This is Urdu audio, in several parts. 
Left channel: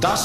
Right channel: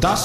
10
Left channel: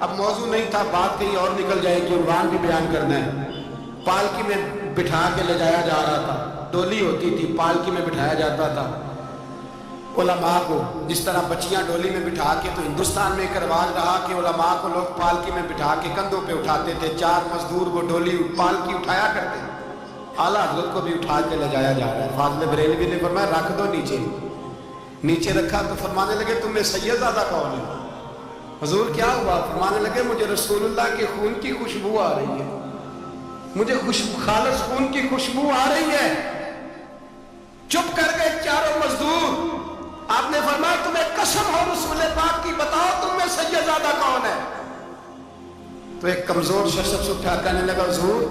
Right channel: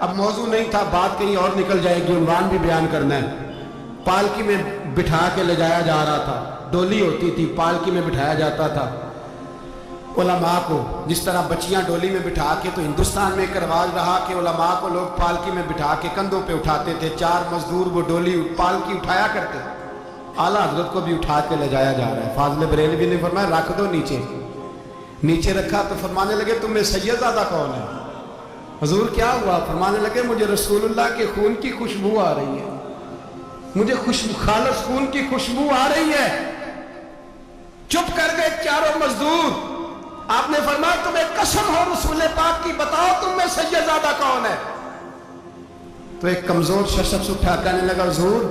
اب موضوع نہیں تھا, بات کہیں اور نکل جائے گی, عنوان بھی بیان کرنا ہے. پالکی میں بٹھا کے لے جایا جا رہا تھا, ڈولی ہوتی تھی, پالکی میں بٹھایا جاتا تھا علماء کو, جس طرح بچیاں ڈولی میں بٹھا کے. تو ہندوستان میں ایک رواج رہا کہ علماء کو لوگ پالکی میں بٹھا کے کندھوں پہ اٹھاتے تھے, 4 مزدور وہ ڈولی پالکی اٹھایا کرتے. اعلیٰ حضرت کو بھی اٹھا کے لے جایا جا رہا ہے. فاضل بریلوی نے فرمایا رکھ دو نیچے. نیچے رکھا تو فرمانے لگے تم میں سید زادہ کون ہے؟ حضور کیا ہوا؟ فرمانے لگے مجھے رسول اللہ کے خون کی خوشبو آ رہی ہے, مجھے خالص خون کی خوشبو آ رہی ہے. چپ کر گئے چاروں مزدور. آپ نے فرمایا تمہیں قسم ہو رسول پاک کی, بتاؤ تم میں سید زادہ کون ہے؟ تو ایک کمزور شخص اٹھا کہنے لگا حضور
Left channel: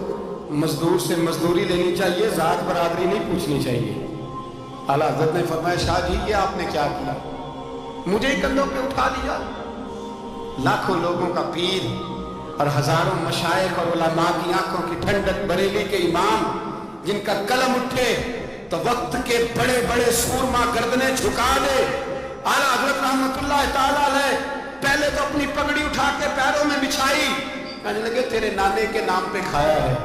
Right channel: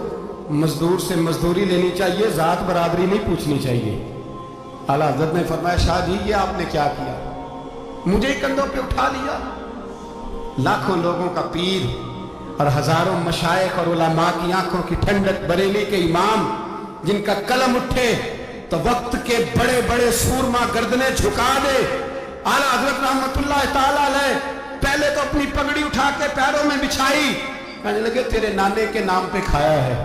مزدور سے مزدوری لینی چاہیے, ذات برادری نہیں پوچھنی چاہیے. اعلیٰ حضرت نے فرمایا شاہ جی یہ آپ نے کیا کیا, مجھے کندھوں پہ اٹھا لیا. لاکھوں لوگوں کا پیر اور ہزاروں مشائخ اور علماء کی آنکھوں کی ٹھنڈک, بریلی کے امام جن کا قلم اٹھے تو وقت کے بڑے بڑے سورما گردنیں جھکا دے. اعلیٰ حضرت رحمت اللہ تعالیٰ علیہ پہلے تو اپنی پگڑی اٹھا کے پیروں میں بچھائی, کہنے لگے تیرے نانے کے نام پہ کھایا ہے,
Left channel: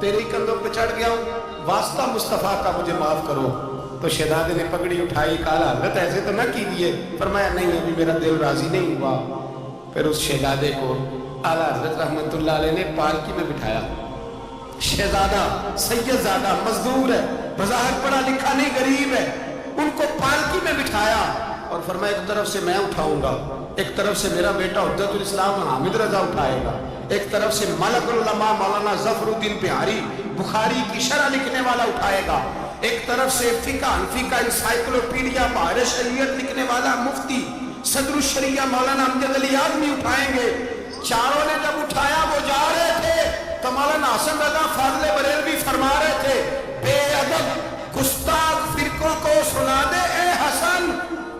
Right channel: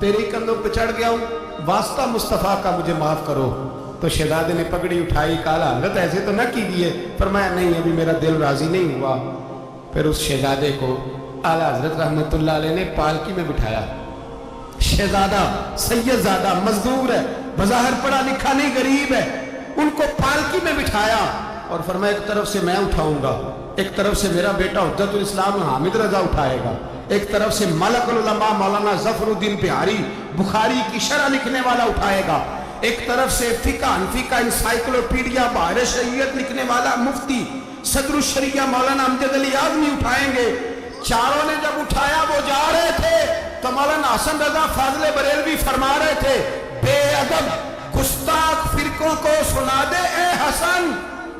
تیرے ہی کندھوں پہ چڑھ گیا ہوں, واسطہ مصطفیٰ کا مجھے معاف کرو. تو شہزادے نے پگڑی اٹھائی, کہا حضرت ایسے تو نہ کیجیے. فرمایا نہیں ابھی میرا دل راضی نہیں ہوا. پھر اس شہزادے کو اعلیٰ حضرت رحمت اللہ علیہ نے پالکی میں بٹھایا. شہزادہ سید زادہ مزدور ہے, بظاہر پڑھا لکھا نہیں, غریب ہے, ان کو پالکی میں بٹھایا اور فرمایا ایک طرف سے میں اٹھاؤں گا, ایک طرف سے میرا بیٹا حجت الاسلام حامد رضا اٹھائے گا, ایک طرف سے ملک العلماء مولانا ظفر الدین بہاری بخاری کی شرح لکھنے والا اٹھائے گا, ایک طرف سے فقہ حنفی کا انسائکلوپیڈیا بحر شریعت لکھنے والا مفتی صدر الشریعہ مولانا امجد علی اعظمی اٹھائیں گے. چاروں نے جب اٹھایا وہ جا رہے تھے تو مولانا حسن رضا فاضل بریلوی فرما رہے تھے بے ادب گستاخ فرقوں کو سنا دے اے حسن,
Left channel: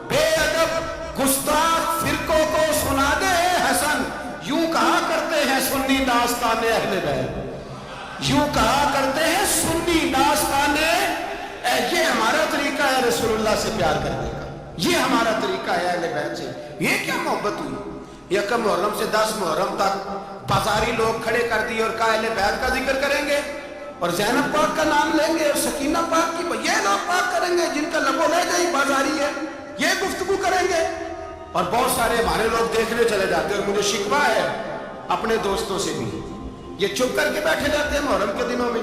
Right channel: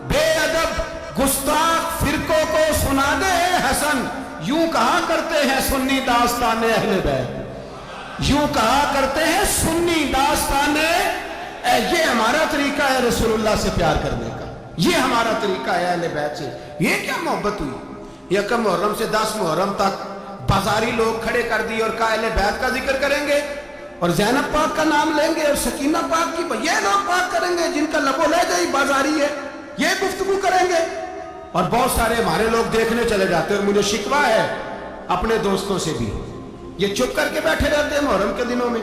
بے ادب گستاخ فرقوں کو سنا دے اے حسن. یوں کہا کرتے ہیں سنی داستان اہل بیت, یوں کہا کرتے ہیں سنی داستان. یہ ہمارا طریقہ ہے رسول اللہ سے پیار کرنے کا, یہ ہمارا طریقہ ہے اہل بیت سے. یہ کیا محبت ہوئی؟ یکم محرم سے 10 محرم تک بازاری لوگ کھڑے کر دی اور کہا اہل بیت کا ذکر کریں گے اور زینب پاک کا نام لیں گے اور سکینہ پاک کی, یہ لوگ پاک کریں گے جن کا لب و لہجہ ہی بازاری ہے, یہ گفتگو کریں گے. اور بہت سارے ہمارے لوگ دیکھنے چلے جاتے ہیں, اور مجھے شکوہ ہے اپنے دوستوں سے بھی, یہ چپ کر کے بیٹھے رہتے ہیں محرم کے دنوں میں.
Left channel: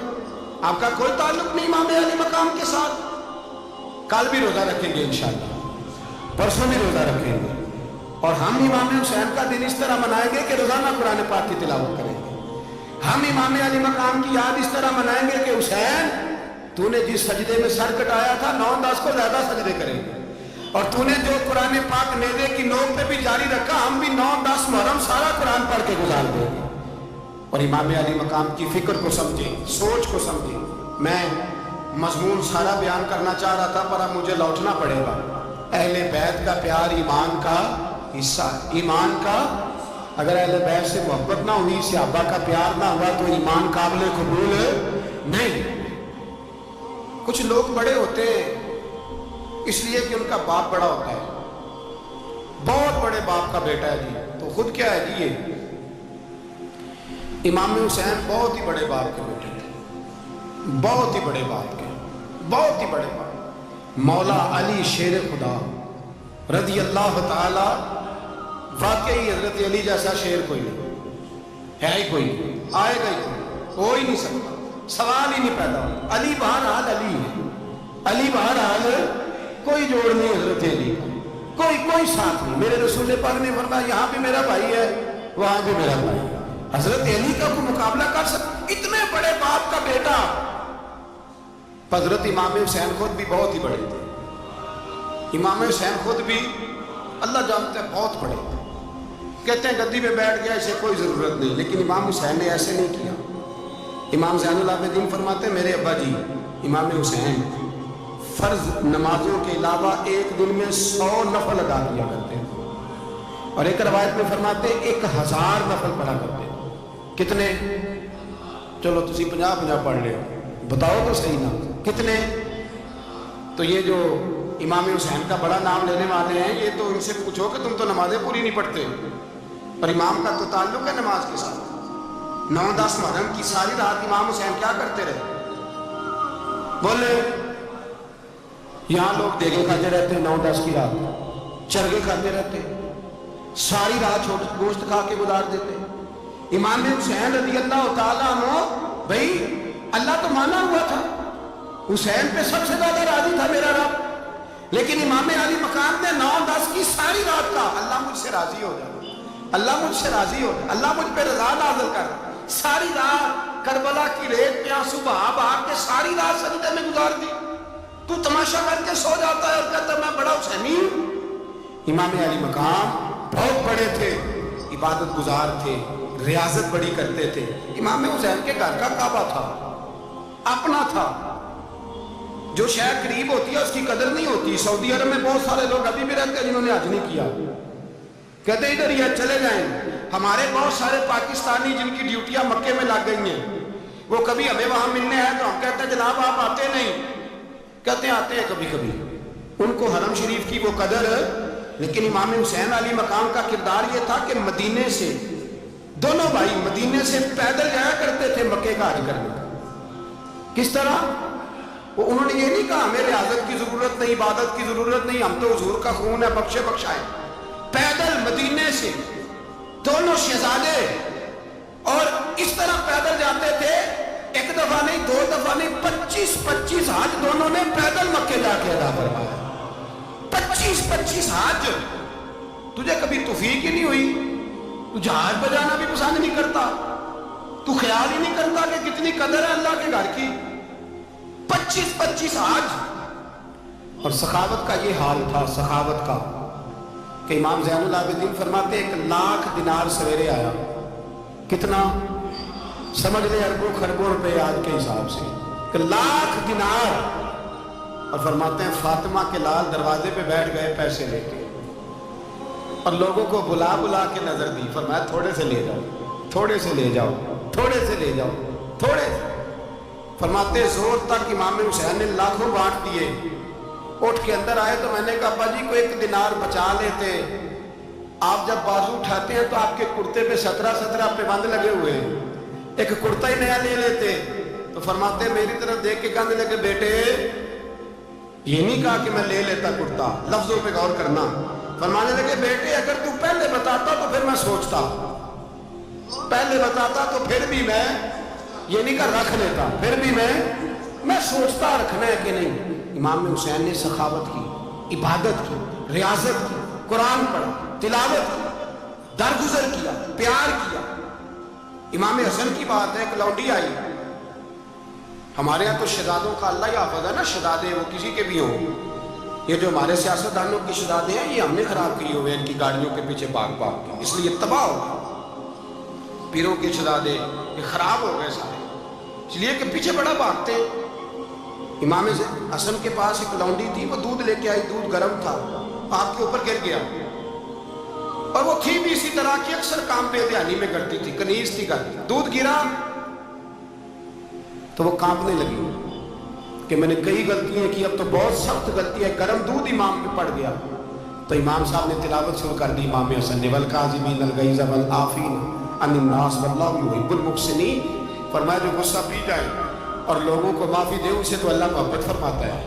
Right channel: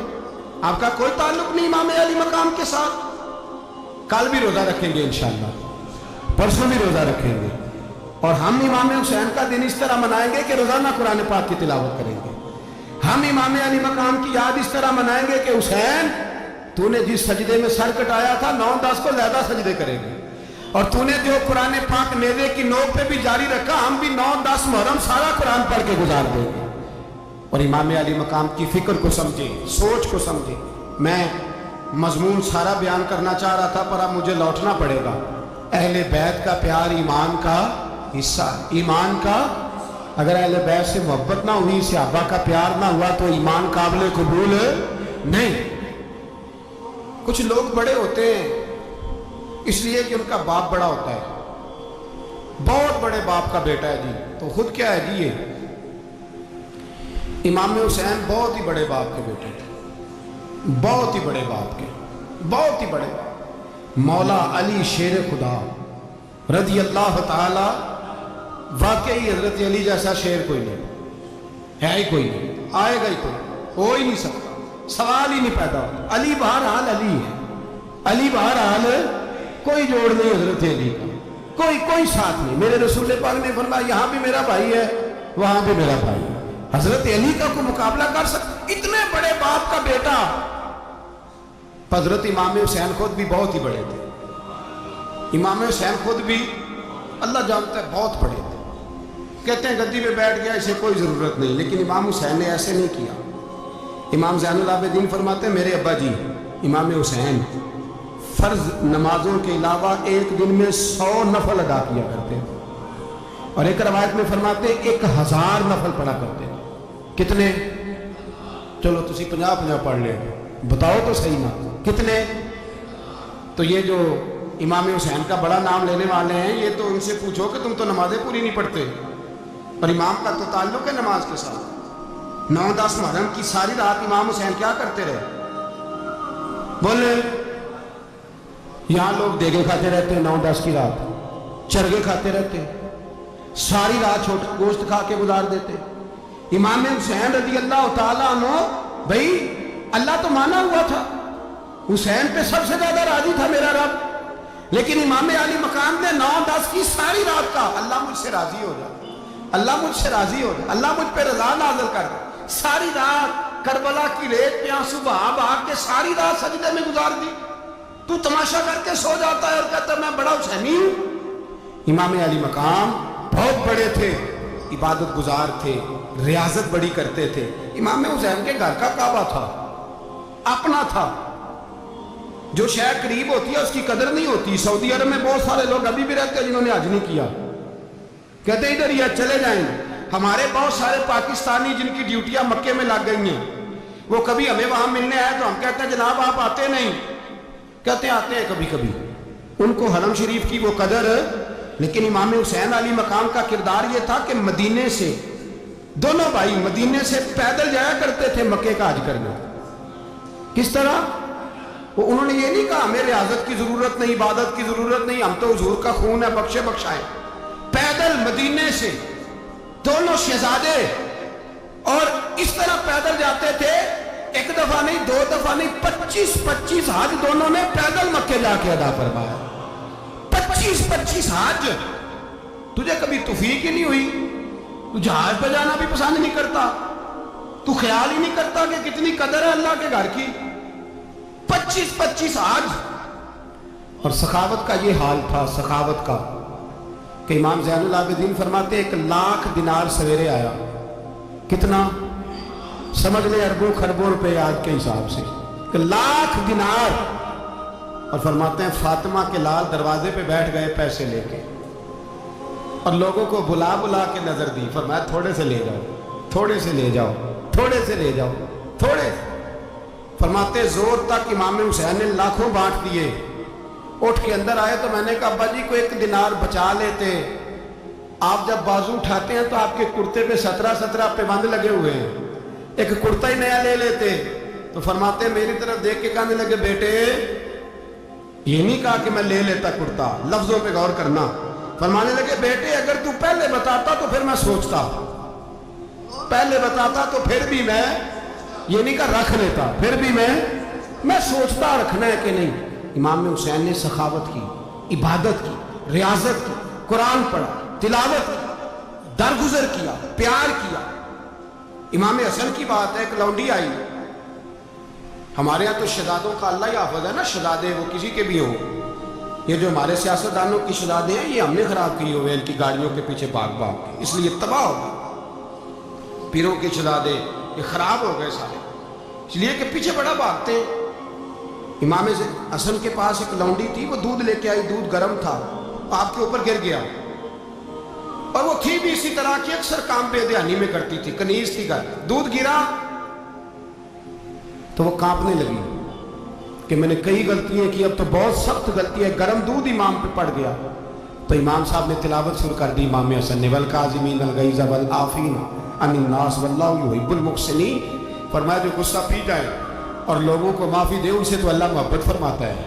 آپ کا کوئی تعلق نہیں امام علی مقام کے ساتھ. کل بھی روزہ رکھیں گے انشاءاللہ, پرسوں بھی روزہ رکھیں گے, اور ہم امام حسین کا دن اس طرح منائیں گے کہ روزانہ قرآن پاک کی تلاوت کریں گے. ہم امام علی مقام کی یاد اس طرح منائیں گے کہ حسین تو نے جس سجدے میں سر کٹایا تھا 9-10 کو زیادہ سجدے کریں گے, اور تو نے جو قرآن پاک نیزے کی نوک پہ بھی جاری رکھا, ہم بھی 9-10 محرم سارا قرآن پڑھ کے گزار دیں گے. اور امام علی مقام کی فکر کو سمجھیں, سوچ کو سمجھیں. میں مضمون سارا بیان کرنا چاہ رہا تھا پر اب مجھے لوٹنا پڑے گا. اہل بیت کا پیار ایمان کا حصہ ہے, ایمان کا. اگر اہل بیت سے محبت نہ ہوئی, صحابہ کا پیار نہ ہوا تو ایمان قابل قبول نہیں. کچھ لوگ بڑے ہوتے ہیں اس لیے کہ ان کا باپ بڑا ہوتا ہے, بہت بڑے باپ کا بیٹا ہے جی, تو خود کیا ہے جی, یہ امام حسین بہت ہی بڑے باپ کے بیٹے تھے, بہت ہی بڑے باپ کے, بہت ہی بڑے باپ. مولا علی شیر خدا رضی اللہ تعالی, واقعی حضرت علی جیسا شیر کوئی نہیں ہے, ہی کوئی نہیں, آئے گا ہی کوئی, ہو ہی نہیں سکتا, سوال ہی نہیں پیدا ہوتا. علی بہرحال علی ہے, علی بہرحال کوئی جوڑ نہیں حضرت علی کا, کوئی ساتھ نہیں. میرے رسول پاک نے فرمایا یہاں بھی میرا بھائی ہے, وہاں بھی میرا بھائی ہے. حضرت علی کا کوئی مقابلہ کر سکتا؟ اتنے بڑے باپ کا بیٹا. حضرت امام حسین خود بھی بہت ہی بڑے تھے, امام حسین خود بھی اللہ جانتا ہے بہت بڑے تھے. کہتے ہیں گدی پہ بیٹھ گیا اسے کوئی ضرورت نہیں, لیکن امام حسین نے ایسے نہیں کیا. امام زین العابدین فرماتے ہیں میرے ابا جی امام حسین فرض نمازوں کے علاوہ ایک دن میں 100 نفل ادا کیا کرتے ہیں, اور ایک روایت میں فرماتے ہیں 1000 نفل پڑھا کرتے ہیں. کتنے؟ چلو تسی 50 پڑھ لے, بتاؤ تو صحیح نا کتنے. تو یہ جو امام حسین کا بڑا نام لینے والے ہیں, یہ تو ان سے پوچھو کہ تم تو نمازیں پوری نہیں پڑھتے. اور امام کا تو تعلق ہے نماز کے ساتھ. 9-10 محرم کی ساری رات امام حسین کیا کرتے رہے؟ بولے. یہاں لوگ دیگیں کھاتے رہتے ہیں 9-10 کی رات, چرگے کھاتے رہتے, ساری رات چھوٹا گوشت کھا کے گزار دیتے. امام حسین رضی اللہ تعالیٰ عنہ, بھائی اللہ تو مانا ہوا تھا, حسین پہ سب سے زیادہ راضی تھا میرا رب, لیکن امام علی مقام نے 9-10 کی ساری رات کا اللہ مجھ سے راضی ہو جا, اللہ مجھ سے راضی ہو جا, اللہ مجھ پہ رضا نازل کر. ساری رات کربلا کی ریت پہ آنسو بہا بہا کے ساری رات سجدے میں گزار دی. تو تماشا کر کے سو جاتا ہے اور کہتا ہے میں بڑا حسینی ہوں. امام علی مقام بہت بڑے تھے, عبادت گزار تھے, ریاضت بڑی کرتے تھے. امام حسین کے گھر کا کعبہ تھا, اپنا تھا. جو شے قریب ہوتی ہے اس کی قدر نہیں ہوتی. سعودی عرب میں بہت سارے لوگ ابھی بھی رہتے ہیں جنہوں نے حج نہیں کیا, کہتے ہیں ادھر ہی چلے جائیں. ہمارے بہت سارے پاکستانی جن کی ڈیوٹیاں مکے میں لگ گئی ہیں, وہ کبھی ہمیں وہاں ملنے آئے تو ہم کہتے ہیں جناب آپ آتے نہیں, کہتے ہیں آتے ہیں کبھی کبھی. ان کو حرم شریف کی وہ قدر. لیکن امام حسین علی مقام کا کردار یہ تھا کہ مدینے سے, دونوں بھائی مدینے سے پیدل جایا کرتے تھے مکے کا حج کرنے. کس طرح؟ وہ انہوں نے یہ نہیں کہا ہمیں ریاضت کی ضرورت نہیں, عبادت کی ضرورت نہیں, ہم تو حضور کا خون ہے بخشے بخشائے. پیدل مدینے سے دونوں شہزادے, اور اس طرح پیدل جاتے تھے. ایک دفعہ نہیں, 2 دفعہ نہیں, 25 حج دونوں نے پیدل مکے جا کے ادا فرمایا. 25 حج. تجھے کبھی توفیق ہی نہیں ہوئی؟ تو جہاز بجانا بھی پسند نہیں کرتا, تو خیال ہی نہیں کرتا کہ کتنی قدر ہے اللہ کے گھر کی. 25 حج. اور سخاوت کا یہ حال تھا, سخاوت کا, کہ امام زین العابدین فرماتے 1,00,000 دینار سویرے آیا. کتنا؟ سمجھ لے اربوں خربوں روپے آج کے حساب سے. 1,00,000 دینار. اور فرماتے ہیں فاطمہ کے لال دروازے پہ بیٹھ گئے پیسے لے کے, اور لوگوں کو بلا بلا کے نظر دی. فرمایا تھوڑے سے لے جاؤ, تھوڑے سے لے جاؤ, تھوڑے سے لے جاؤ, تھوڑے سے. فرماتے زور تک امام حسین نے لاکھوں بانٹ دیے. اٹھ کے اندر آئے تو میں نے کہا ابا جی کو 1 دینار بچا لیتے. آپ جب بازو اٹھاتے ہیں تو آپ کے کرتے پہ 17 پہ بند لگے ہوئے ہیں, ایک کرتا ہی نیا لے لیتے. تو فرماتے میری طرف دیکھ کے کہنے لگے بیٹے یہ نہیں کہا کہ میں لے لیتا کرتا, لفظوں پہ غور کرنا. فرمانے لگے بیٹے اگر تو پہلے بتاتا تو پھر میں سوچتا, پہلے بتاتا تو پھر بھی میں یہ نہیں کہا رکھ لیتا, پھر بھی میں سوچتا رکھنا ہے کہ نہیں. امام حسین نے سخاوت کی, عبادت کی, ریاضت کی, قرآن پڑھا, تلاوت کی, درگزر کیا, پیار کیا. امام حسن کی بات ہے, ایک لونڈی آئی. ہمارے ہاں تو شہزادوں کا اللہ ہی حافظ ہے نا, شہزادے وہ کسی کے بھی ہوں. یہ جو ہمارے سیاستدانوں کی شہزادے ہیں یہ ہم نے خراب کیے ہوئے ان کی گاڑیوں کے پیچھے بھاگ بھاگ کے, اس لیے تباہ ہو گئے. پیروں کے شہزادے یہ خراب ہو گئے سارے, اس لیے کہ پیچھے بڑا بھاگتے ہیں. امام حسن کے پاس ایک لونڈی تھی, وہ دودھ لے کے آئی, دودھ گرم تھا, آپ کے اوپر گر گیا. اور وہ تھی بھی اسی طرح کی, اکثر کام بے دھیانی میں کرتی تھی, کنیز تھی. دودھ گرا تو وہ کانپنے لگی کہ میں نے کئی غلطیاں کی, اب تو بہت سخت غلطی ہے. گرم دودھ امام پہ پڑ گیا. تو امام صاحب نے تلاوت شروع کر دی امام حسن نے, والکاظمین الغیظ والعافین عن الناس واللہ یحب المحسنین. فرمایا جو غصہ پی جائے اور لوگوں کو معافی دے ان سے تو اللہ محبت فرماتا ہے,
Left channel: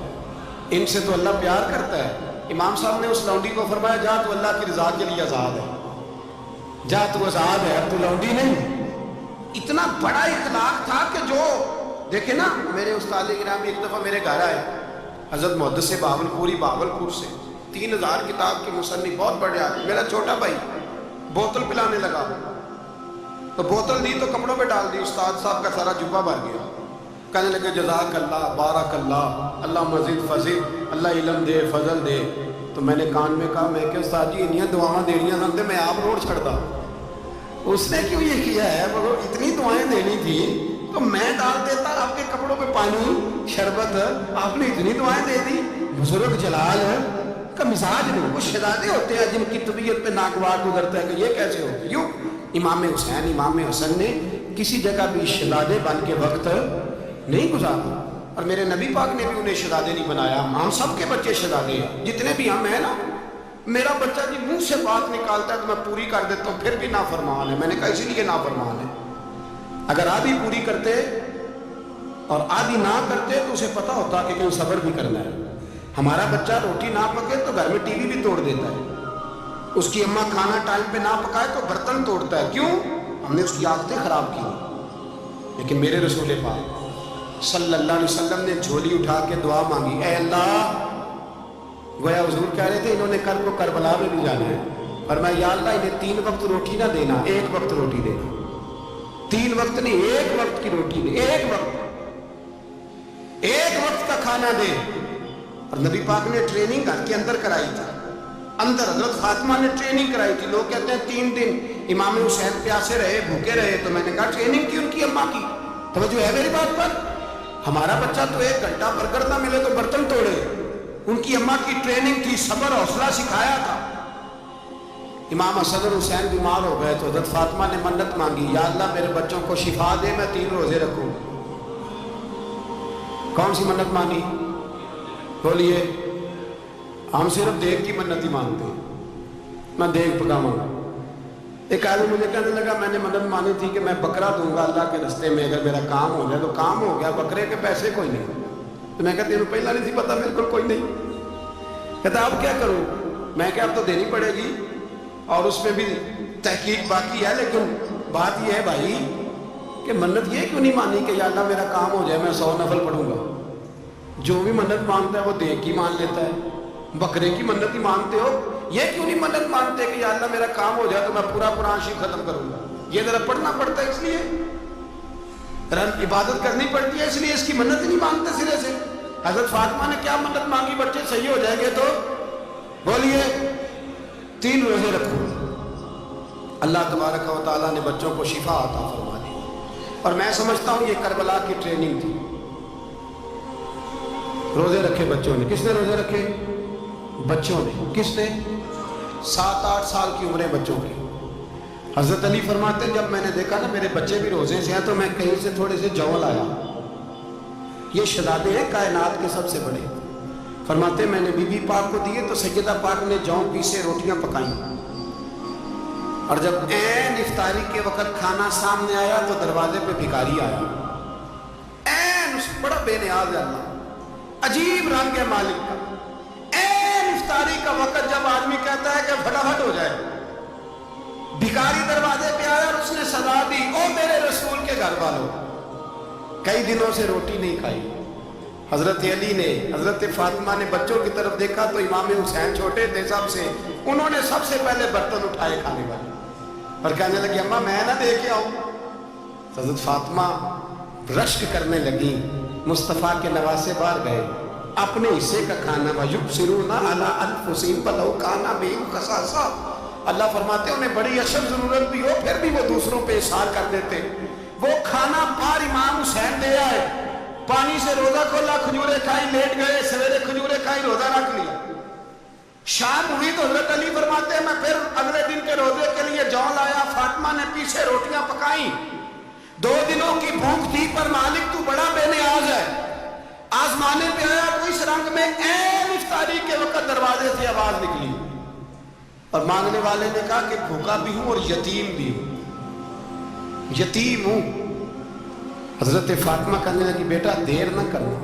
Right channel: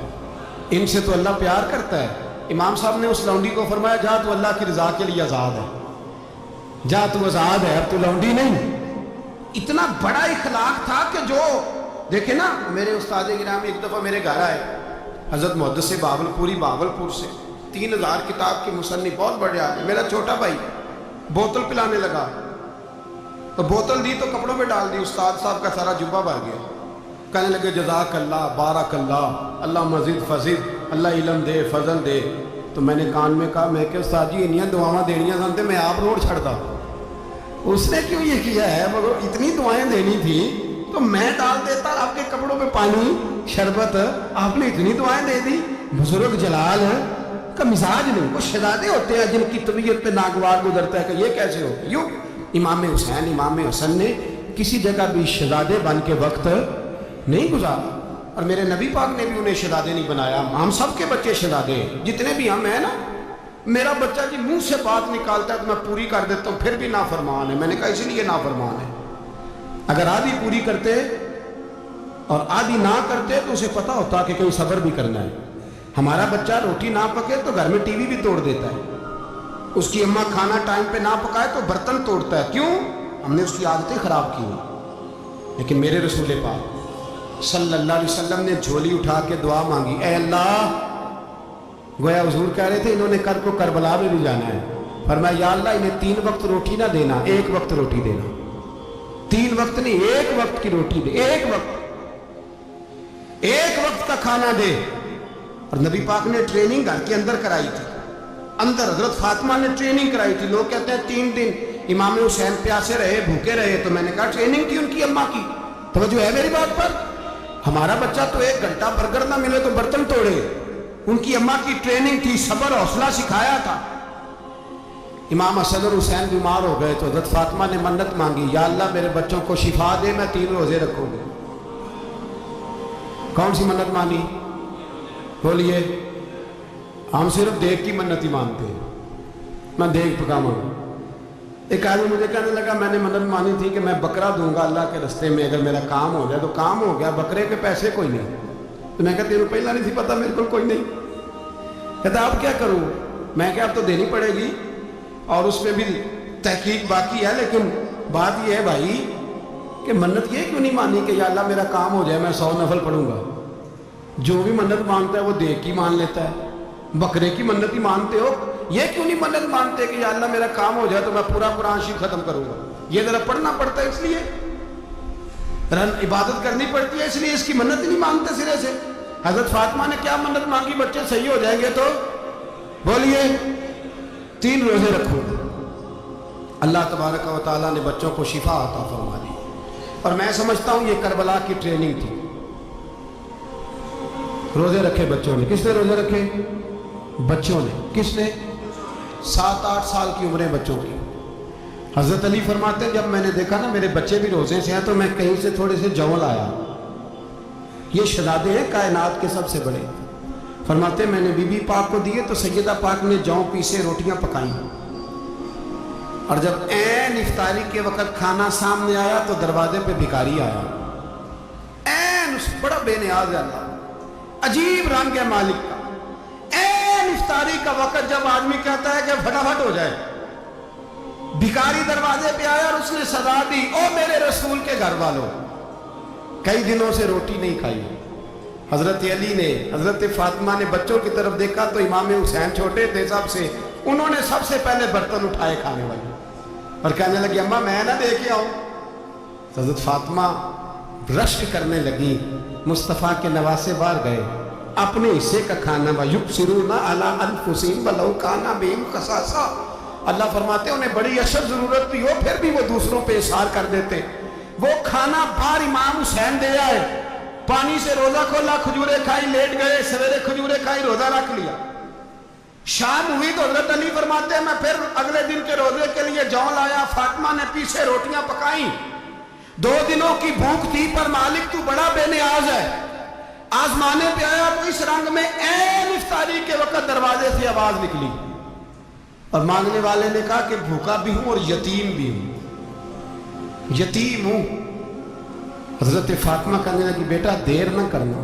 ان سے تو اللہ پیار کرتا ہے. امام صاحب نے اس لونڈی کو فرمایا جا تو اللہ کی رضا کے لیے آزاد ہے, جا تو آزاد ہے, اب تو لونڈی نہیں. اتنا بڑا اخلاق تھا کہ جو دیکھیں نا, میرے استاد گرامی ایک دفعہ میرے گھر آئے, حضرت محدث باولپوری, باولپور سے, 3000 کتاب کے مصنف, بہت بڑے آدمی. میرا چھوٹا بھائی بوتل پلانے لگا تو بوتل دی تو کپڑوں پہ ڈال دی, استاد صاحب کا سارا جبہ بھر گیا. کہنے لگے جزاک اللہ, بارک اللہ, اللہ مزید فزید, اللہ علم دے, فضل دے. تو میں نے کان میں کہا, میں کہ استاد جی انیاں دعاواں دینیاں سنتے میں آپ روڈ چھڑتا. اس نے کیوں یہ کیا ہے, مگر اتنی دعائیں دینی تھی تو میں ڈال دیتا آپ کے کپڑوں پہ پانی شربت, آپ نے اتنی دعائیں دے دی. بزرگ جلال کا مزاج نہیں. وہ شہزادے ہوتے ہیں جن کی طبیعت پہ ناگوار گزرتا ہے کہ یہ کیسے ہو. یوں امام حسین, امام حسن نے کسی جگہ بھی شہزادے بن کے وقت نہیں گزارا, اور میرے نبی پاک نے بھی انہیں شہزادے نہیں بنایا. ہم سب کے بچے شہزادے ہیں, جتنے بھی ہم ہیں نا, میرا بچہ جی منہ سے بات نکالتا ہے تو میں پوری کر دیتا ہوں، پھر بھی نافرمان ہے۔ میں نے کہا اسی لیے نافرمان ہے، اگر آدھی پوری کرتے اور آدھی نہ کرتے تو اسے پتا ہوتا کہ کہیں صبر بھی کرنا ہے۔ ہمارا بچہ روٹی نہ پکے تو گھر میں ٹی وی بھی توڑ دیتا ہے، اس کی اماں کھانا ٹائم پہ نہ پکائے تو برتن توڑتا ہے۔ کیوں؟ ہم نے اس کی عادتیں خراب کی ہیں۔ لیکن میرے رسول پاک صلی اللہ علیہ وسلم نے جھولی اٹھا کے دعا مانگی، اے اللہ، گویا حضور کہہ رہے تھے انہوں نے کل کو کربلا میں بھی جانا ہے، فرمایا یا اللہ انہیں 3 وقت روٹی نہ دینا، 1 وقت روٹی دینا، 3 وقت نہیں، 1 وقت کی روٹی دے، 1 وقت کا کھانا دے۔ اور نبی پاک نے ٹریننگ گھر کے اندر کرائی تھی، اندر حضرت فاطمہ نے ٹریننگ کرائی تھی۔ لوگ کہتے ہیں 3 دن امام حسین پیاسے رہے، بھوکے رہے، تو میں نے کہا ٹریننگ تھی ان کی اماں کی۔ توجہ ہے میری بات پر؟ ہمارا بچہ تو 1 گھنٹہ برگر نہ ملے تو برتن توڑے، ان کی اماں کی ٹریننگ تھی، صبر حوصلہ سکھایا تھا۔ امام حسن اور حسین بیمار ہو گئے تو حضرت فاطمہ نے منت مانگی، یا اللہ میرے بچوں کو شفا دے، میں 3 روزے رکھوں گی۔ کون سی منت مانی؟ بولیے۔ ہم صرف دیگ کی منت ہی مانتے ہیں، میں دیگ پکاؤں گا۔ ایک آدمی مجھے کہنے لگا میں نے منت مانی تھی کہ میں بکرا دوں گا اللہ کے رستے میں، اگر میرا کام ہو جائے تو کام ہو گیا، بکرے کے پیسے کوئی نہیں۔ تو میں کہا تیرے پہلا نہیں تھی پتا، میرے کو کوئی نہیں۔ کہتا اب کیا کروں؟ میں کہ اب تو دینی پڑے گی، اور اس میں بھی تحقیق باقی ہے، لیکن بات یہ ہے بھائی کہ منت یہ کیوں نہیں مانی کہ یا اللہ میرا کام ہو جائے میں 100 نفل پڑھوں گا؟ جو بھی منت مانگتا ہے وہ دیگ کی مان لیتا ہے، بکرے کی منت ہی مانتے ہو، یہ کیوں نہیں منت مانتے کہ یا اللہ میرا کام ہو جائے تو میں پورا قرآن شریف ختم کروں گا؟ یہ ذرا پڑھنا پڑتا ہے، اس لیے عبادت کرنی پڑتی ہے، اس لیے اس کی منت ہی نہیں مانتے سرے سے۔ حضرت فاطمہ نے کیا منت مانگی؟ بچے صحیح ہو جائیں گے تو بولیے 3 روزے رکھو۔ اللہ تبارک و تعالیٰ نے بچوں کو شفا عطا فرما دی، اور میں سمجھتا ہوں یہ کربلا کی ٹریننگ تھی۔ روزے رکھے بچوں نے، کس نے روزے رکھے؟ بچوں نے۔ کس نے؟ 7-8 سال کی عمریں بچوں کی۔ حضرت علی فرماتے ہیں جب میں نے دیکھا نا میرے بچے بھی روزے سے ہیں تو میں کہیں سے تھوڑے سے جوں لایا، یہ شہزادے ہیں کائنات کے سب سے بڑے۔ فرماتے ہیں میں نے بی بی پاک کو دیے تو سیدہ پاک نے جوں پیسے روٹیاں پکائیں، اور جب عین افطاری کے وقت کھانا سامنے آیا تو دروازے پہ بھکاری آیا، عین اس بڑا بے نیاز ہے اللہ، عجیب رنگ ہے مالک کا۔ عین افطاری کا وقت جب آدمی کہتا ہے کہ فٹافٹ ہو جائے، بھکاری دروازے پہ آیا اور اس نے صدا دی، او میرے رسول کے گھر والوں، کئی دنوں سے روٹی نہیں کھائی۔ حضرت علی نے، حضرت فاطمہ نے بچوں کی طرف دیکھا تو امام حسین چھوٹے تھے سب سے، انہوں نے سب سے پہلے برتن اٹھائے کھانے والے، اور کہنے لگی اماں میں نہ دے کے آؤں؟ حضرت فاطمہ رشک کرنے لگی، مصطفیٰ کے نواسے باہر گئے، اپنے حصے کا کھانا وَيُبْصِرُونَ عَلَىٰ أَنفُسِهِمْ وَلَوْ كَانَ بِهِمْ خَصَاصَةٌ، اللہ فرماتے ہیں انہیں بڑی اشد ضرورت بھی ہو پھر بھی وہ دوسروں پہ اثار کر دیتے۔ وہ کھانا باہر امام حسین دے آئے، پانی سے روزہ کھولا، کھجورے کھائی، لیٹ گئے، سویرے کھجورے کھائی، روزہ رکھ لیا۔ شام ہوئی تو حضرت علی فرماتے ہیں میں پھر اگلے دن کے روزے کے لیے جوں لایا، فاطمہ نے پیچھے روٹیاں پکائیں، 2 دنوں کی بھوک تھی، پر مالک تو بڑا بے نیاز ہے، آزمانے پہ آیا تو اس رنگ میں عین افطاری کے وقت دروازے سے آواز نکلی، اور مانگنے والے نے کہا کہ بھوکا بھی ہوں اور یتیم بھی ہوں، یتیم ہوں۔ حضرت فاطمہ کہنے لگی بیٹا دیر نہ کرنا،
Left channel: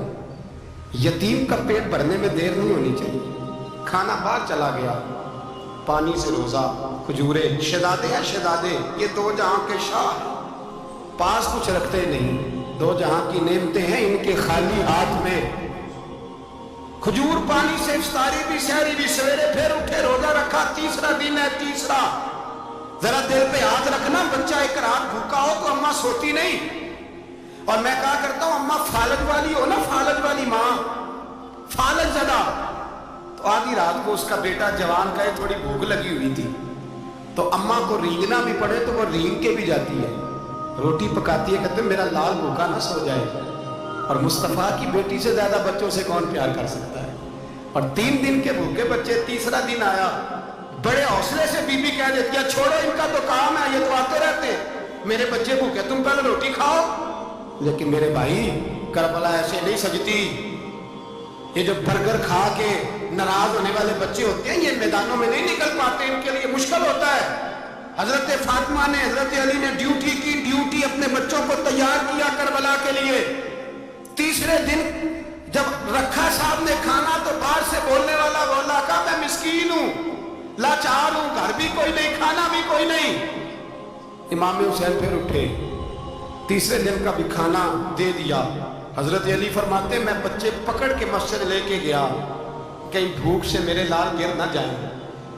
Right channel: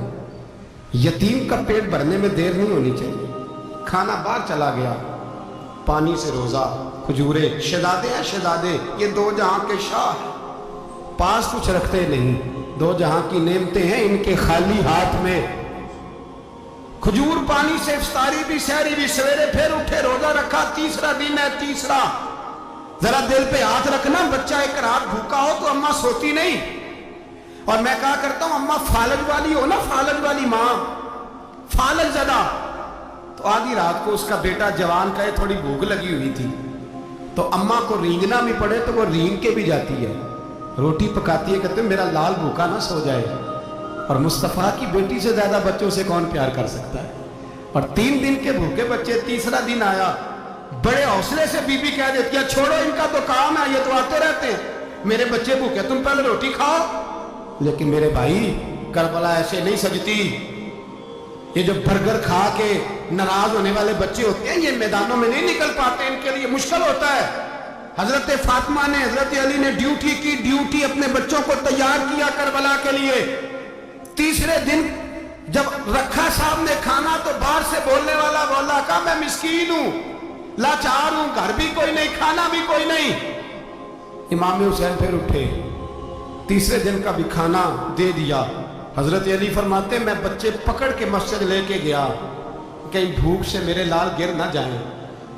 یتیم کا پیٹ بھرنے میں دیر نہیں ہونی چاہیے۔ کھانا باہر چلا گیا، پانی سے روزہ، کھجورے، شہزادے ہیں شہزادے، یہ 2 جہاں کے شاہ ہیں، پاس کچھ رکھتے نہیں، 2 جہاں کی نعمتیں ہیں ان کے خالی ہاتھ میں، کھجور پانی سے افطاری بھی سحری بھی، سویرے پھر اٹھے روزہ رکھا، 3را دن ہے، 3را ذرا دل پہ ہاتھ رکھنا، بچہ ایک رات بھوکا ہو تو اماں سوتی نہیں، اور میں کہا کرتا ہوں اماں فالج والی ہو نا، فالج والی ماں، فالج زدہ، تو آدھی رات کو اس کا بیٹا جوان کہے تھوڑی بھوک لگی ہوئی تھی، تو اماں کو رینگنا بھی پڑے تو وہ رینگ کے بھی جاتی ہے، روٹی پکاتی ہے، کہتے ہیں میرا لال بھوکا نہ سو جائے، اور مصطفیٰ کی بیٹی سے زیادہ بچوں سے کون پیار کر سکتا ہے؟ اور 3 دن کے بھوکے بچے، 3را دن آیا، بڑے حوصلے سے بی بی کہہ دیتی ہے چھوڑو ان کا تو کام ہے، یہ تو آتے رہتے ہیں، میرے بچے بھوکے تم پہلے روٹی کھاؤ۔ لیکن میرے بھائی کربلا ایسے نہیں سجتی، یہ جو برگر کھا کے ناراض ہونے والے بچے ہوتے ہیں یہ میدانوں میں نہیں نکل پاتے، ان کے لیے مشکل ہوتا ہے۔ حضرت فاطمہ نے، حضرت علی نے ڈیوٹی کی، ڈیوٹی اپنے بچوں کو تیار کیا کربلا کے لیے۔ تیسرے دن جب رکھا صاحب نے کھانا تو باہر سے بولنے والا بولا کہا میں مسکین ہوں، لاچار ہوں، گھر بھی کوئی نہیں، کھانا بھی کوئی نہیں۔ امام حسین پھر اٹھے، تیسرے دن کا بھی کھانا دے دیا۔ حضرت علی فرماتے میں بچے پکڑ کے مسجد لے کے گیا، کہیں بھوک سے میرے لال گر نہ جائیں۔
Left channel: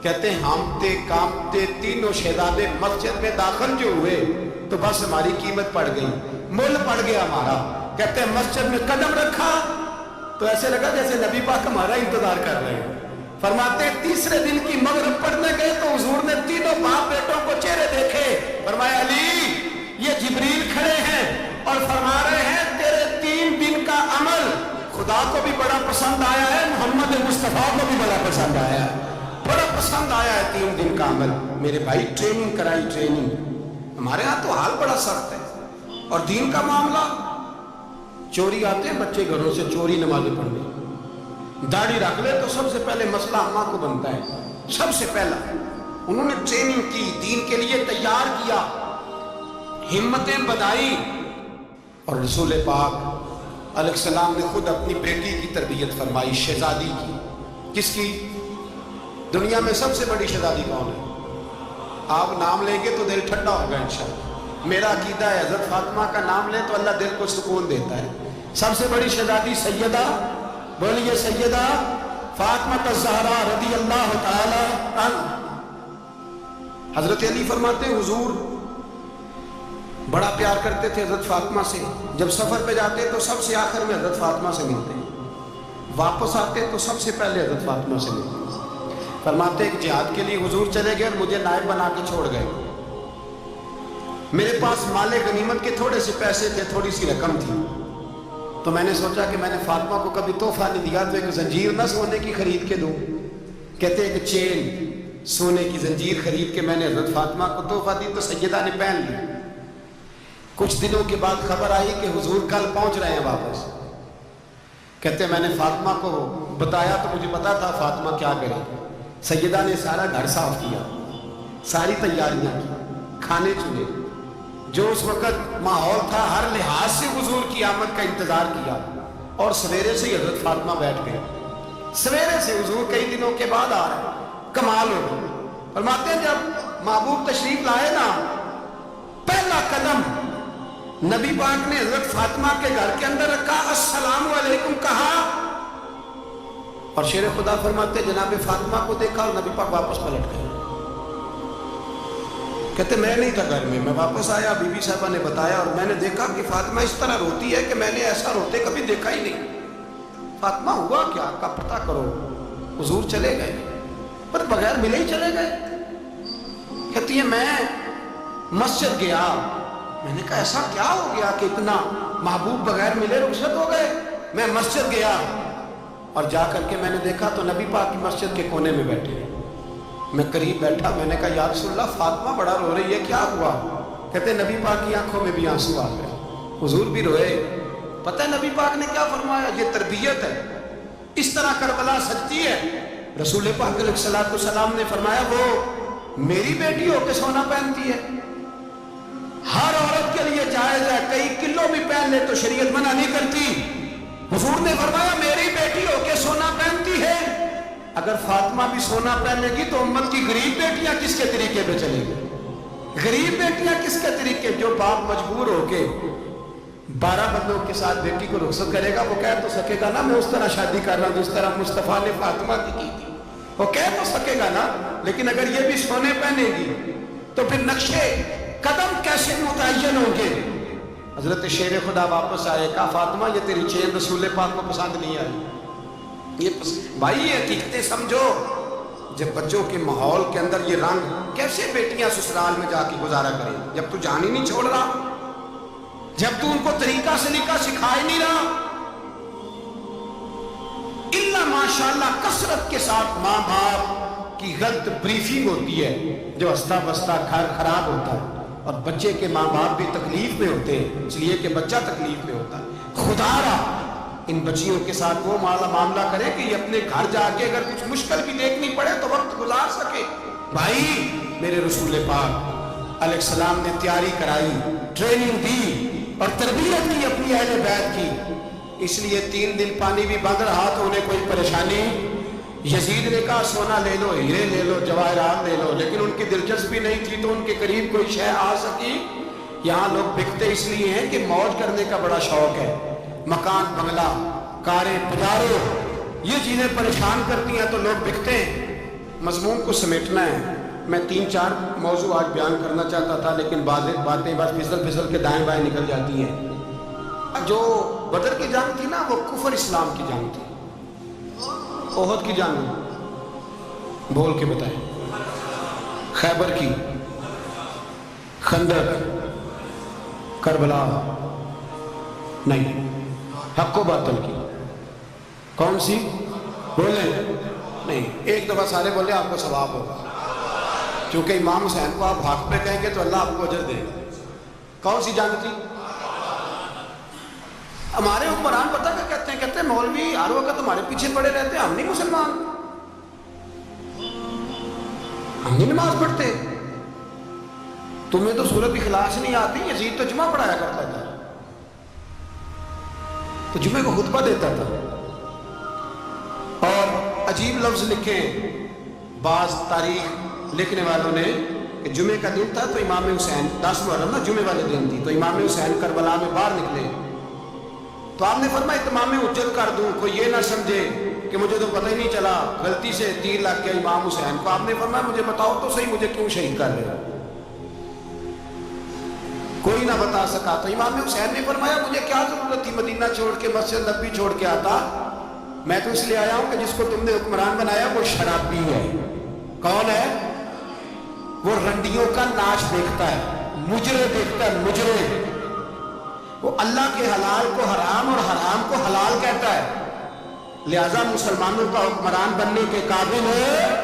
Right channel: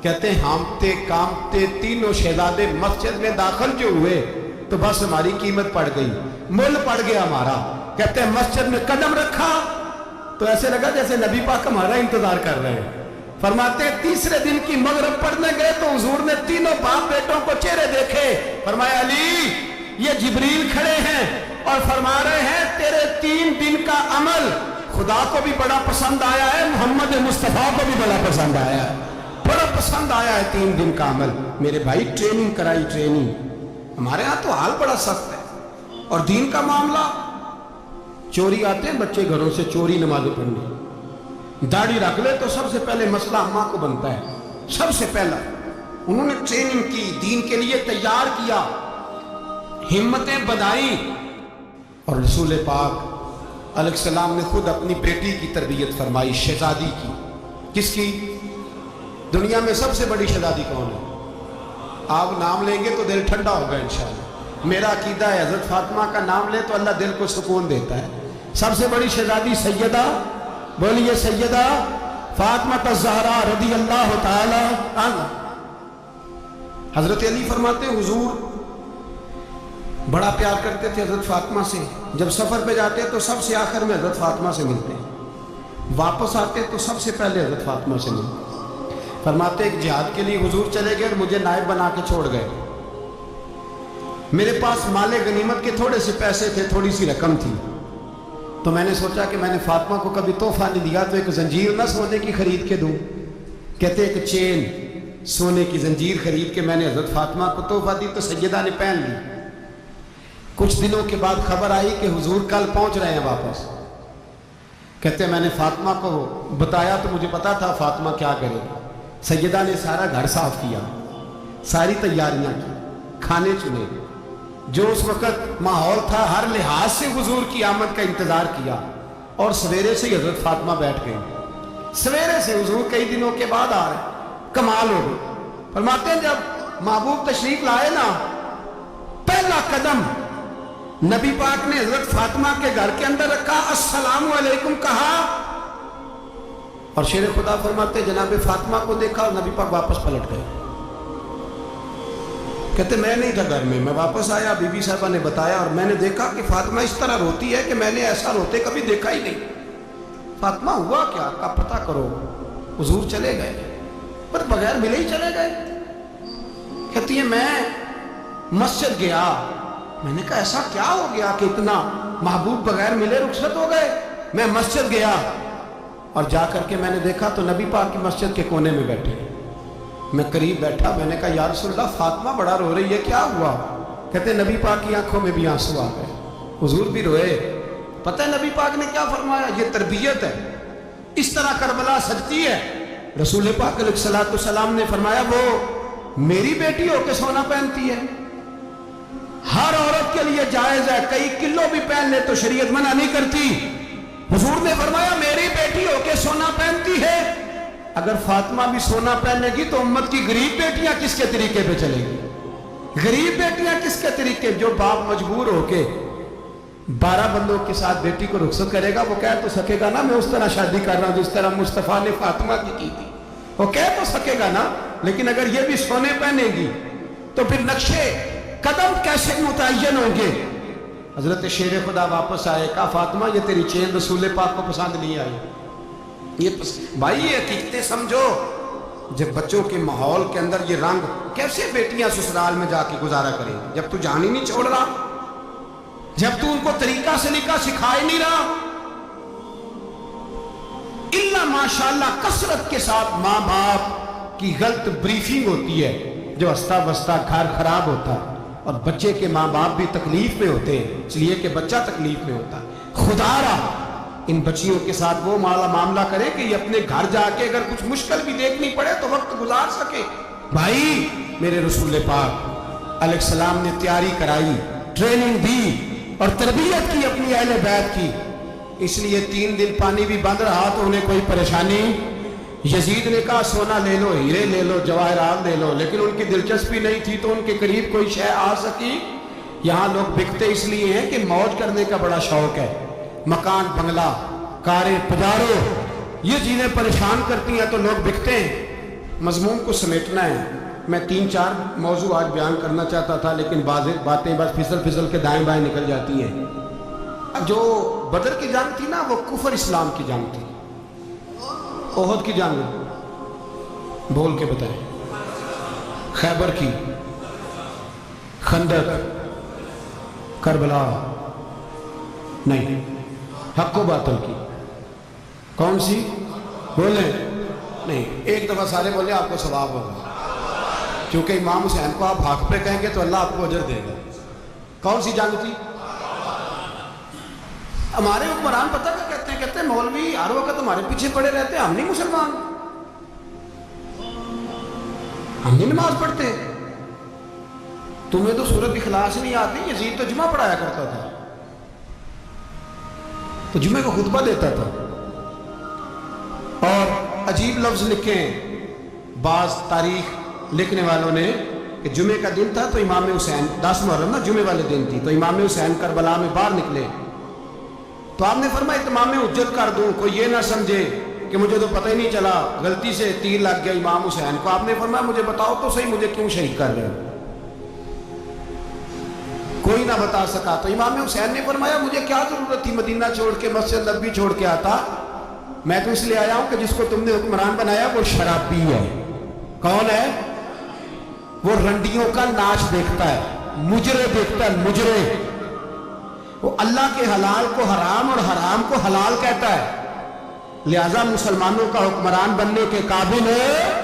کہتے ہیں ہامتے کامتے تینوں شہزادے مسجد میں داخل جو ہوئے تو بس ہماری قیمت پڑ گئی، مول پڑ گیا ہمارا۔ کہتے ہیں مسجد میں قدم رکھا تو ایسے لگا جیسے نبی پاک ہمارا انتظار کر رہے ہیں۔ فرماتے ہیں تیسرے دن کی مغرب پڑھنے گئے تو حضور نے تینوں باپ بیٹوں کو چہرے دیکھے، فرمایا علی یہ جبریل کھڑے ہیں اور فرما رہے ہیں تیرے 3 دن کا عمل خدا کو بھی بڑا پسند آیا ہے، محمد مصطفیٰ کو بھی بڑا پسند آیا ہے، بڑا پسند آیا ہے 3 دن کا عمل۔ میرے بھائی ٹریننگ کرائی، ٹریننگ۔ ہمارے ہاں تو حال بڑا سخت ہے، اور دین کا معاملہ چوری آتے ہیں بچے گھروں سے چوری نمازیں پڑھنے، داڑھی رکھ لے تو سب سے پہلے مسئلہ اماں کو بنتا ہے، سب سے پہلا۔ انہوں نے ٹریننگ کی، دین کے لیے تیار کیا، ہمتیں بدھائیں، اور رسول پاک علیہ السلام نے خود اپنی بیٹی کی تربیت فرمائی، شہزادی کی۔ کس کی؟ دنیا میں سب سے بڑی شہزادی کون ہے؟ آپ نام لیں گے تو دل ٹھنڈا ہوگا انشاءاللہ۔ میرا عقیدہ ہے حضرت فاطمہ کا نام لے تو اللہ دل کو سکون دیتا ہے۔ سب سے بڑی شہزادی سیدہ، بولیے سیدہ فاطمہ الزہرا رضی اللہ تعالی عنہا۔ حضرت علی فرماتے ہیں حضور بڑا پیار کرتے تھے حضرت فاطمہ سے، جب سفر پہ جاتے تو سب سے آخر میں حضرت فاطمہ سے ملتے، واپس آتے تو سب سے پہلے حضرت فاطمہ سے ملتے۔ فرماتے ایک جہاد کے لیے حضور چلے گئے اور مجھے نائب بنا کے چھوڑ گئے۔ میرے پاس مال غنیمت کے تھوڑے سے پیسے تھے، تھوڑی سی رقم تھی، تو میں نے سوچا کہ میں نے فاطمہ کو کبھی تحفہ نہیں دیا تو ایک زنجیر نہ سونے کی خرید کے دوں۔ کہتے ایک چین سونے کی زنجیر خرید کے میں نے حضرت فاطمہ کو تحفہ دی تو سیدہ نے پہن لی۔ کچھ دنوں کے بعد خبر آئی کہ حضور کل پہنچ رہے ہیں واپس۔ کہتے میں نے فاطمہ کو بتایا تو مجھے پتا تھا فاطمہ کیا کرے گی۔ سیدہ نے سارا گھر صاف کیا، ساری تیاریاں کی، کھانے چنے، جو اس وقت ماحول تھا ہر لحاظ سے حضور کی آمد کا انتظار کیا، اور سویرے سے ہی حضرت فاطمہ بیٹھ گئی۔ سویرے سے حضور کئی دنوں کے بعد آ رہے ہیں، کمال ہو گئی۔ فرماتے ہیں جب محبوب تشریف لائے نا، پہلا قدم نبی پاک نے حضرت فاطمہ کے گھر کے اندر رکھا، السلام علیکم کہا، اور شیر خدا فرماتے جناب فاطمہ کو دیکھا اور نبی پاک واپس پلٹ گئے۔ کہتے میں نہیں تھا گھر میں واپس آیا، بی بی صاحبہ نے بتایا اور میں نے دیکھا کہ فاطمہ اس طرح روتی ہے کہ میں نے ایسا روتے کبھی دیکھا ہی نہیں۔ فاطمہ ہوا کیا کا پتہ کرو۔ حضور چلے گئے، پر بغیر ملے ہی چلے گئے۔ کہتی ہے میں مسجد گیا، میں نے کہا ایسا کیا ہو گیا کہ اتنا محبوب بغیر ملے رخصت ہو گئے۔ میں مسجد گیا اور جا کر کے میں نے دیکھا تو نبی پاک کی مسجد کے کونے میں بیٹھے۔ میں قریب بیٹھا، میں نے کہا یا رسول اللہ فاطمہ بڑا رو رہی ہے، کیا ہوا؟ کہتے نبی پاک کی آنکھوں میں بھی آنسو آ گئے، حضور بھی روئے۔ پتہ ہے نبی پاک نے کیا فرمایا؟ یہ تربیت ہے، اس طرح کربلا سجتی ہے۔ رسول پاک علیہ الصلوۃ والسلام نے فرمایا وہ میری بیٹی ہو کے سونا پہنتی ہے، ہر عورت کے لیے جائز ہے، کئی کلو بھی پہن لے تو شریعت منع نہیں کرتی۔ حضور نے فرمایا میری بیٹی ہو کے سونا پہنتی ہے، اگر فاطمہ بھی سونا پہنے گی تو امت کی غریب بیٹیاں کس کے طریقے پہ چلیں گی؟ غریب بیٹیاں کس کے طریقے؟ جو باپ مجبور ہو کے 12 بندوں کے ساتھ بیٹی کو رخصت کرے گا وہ کہہ تو سکے گا نا میں اس طرح شادی کر رہا ہوں جس طرح مصطفیٰ نے فاطمہ کی تھی، وہ کہہ تو سکے گا نا، لیکن اگر یہ بھی سونے پہنے گی تو پھر نقشے قدم کیسے متعین ہوں گے؟ حضرت شیر خدا واپس آئے، کہا فاطمہ یہ تیری چین رسول پاک کو پسند نہیں آئی۔ بھائی یہ حقیقتیں سمجھو، جب بچوں کے ماحول کے اندر یہ رنگ، کیسے بیٹیاں سسرال میں جا کے گزارا کریں جب تو جان ہی نہیں چھوڑ رہا، جب تو ان کو طریقہ سلیقہ سکھا ہی نہیں رہا۔ الا ماشاءاللہ کثرت کے ساتھ ماں باپ کی غلط بریفنگ ہوتی ہے، جو ہستا بستا گھر خراب ہوتا ہے، اور بچے کے ماں باپ بھی تکلیف میں ہوتے ہیں اس لیے کہ بچہ تکلیف میں ہوتا ہے۔ خدا را ان بچیوں کے ساتھ وہ معاملہ کریں کہ یہ اپنے گھر جا کے اگر کچھ مشکل بھی دیکھنی پڑے تو وقت گزار سکے. بھائی میرے رسول پاک علیہ السلام نے تیاری کرائی، ٹریننگ دی اور تربیت کی اپنی اہل بیت کی. اس لیے 3 دن پانی بھی بند رہا تو انہیں کوئی پریشانی. یزید نے کہا سونا لے لو، ہیرے لے لو، جواہرات لے لو، لیکن ان کی دلچسپی نہیں تھی تو ان کے قریب کوئی شے آ سکی. یہاں لوگ بکتے اس لیے ہیں کہ موج کرنے کا بڑا شوق ہے. مکان، بنگلہ، کاریں، پجارو، یہ چیزیں پریشان کرتی ہیں تو لوگ بکتے ہیں. مضمون کو سمیٹنا ہے. میں 3-4 موضوع آج بیان کرنا چاہتا تھا لیکن بعض باتیں بس پھسل کے دائیں بائیں نکل جاتی ہیں. جو بدر کی جنگ تھی نا وہ کفر اسلام کی جنگ تھی. احد کی جنگ بول کے بتائیں. خیبر کی، خندق، کربلا نہیں، حق و باطل کی. کون سی بولیں؟ نہیں، ایک دفعہ سارے بولے آپ کو ثواب ہوگا، کیونکہ امام حسین کو آپ حق پہ کہیں گے تو اللہ آپ کو اجر دے گا. کون سی جنگ تھی؟ ہمارے حکمران پتہ کیا کہتے ہیں مولوی ہر وقت ہمارے پیچھے پڑے رہتے ہیں، ہم نہیں مسلمان، ہم نہیں نماز پڑھتے. تمہیں تو سورت اخلاص نہیں آتی. یزید تو جمعہ پڑھایا کرتا تھا، تو جمعے کو خطبہ دیتا تھا. اور عجیب لفظ لکھے بعض تاریخ لکھنے والوں نے کہ جمعے کا دن تھا تو امام حسین 10 محرم نا جمعے والے دن تھی، تو امام حسین کربلا میں باہر نکلے تو آپ نے فرمایا اتمام حجت کر دوں، کوئی یہ نہ سمجھے کہ مجھے تو پتہ ہی نہیں چلا، غلطی سے تیر لگ گیا امام حسین کو. آپ نے فرمایا مجھے بتاؤ تو صحیح مجھے کیوں شہید کر رہے ہو؟ کوئی نہ بتا سکا. تو امام حسین نے فرمایا مجھے کیا ضرورت تھی مدینہ چھوڑ کے مسجد نبوی چھوڑ کے آتا، میں تو اس لیے آیا ہوں کہ جس کو تم نے حکمران بنایا وہ شرابی ہے. کون ہے؟ وہ رنڈیوں کا ناچ دیکھتا ہے، مجرے دیکھتا ہے، مجرے. وہ اللہ کے حلال کو حرام اور حرام کو حلال کہتا ہے. لہذا مسلمانوں کا حکمران بننے کے قابل ہے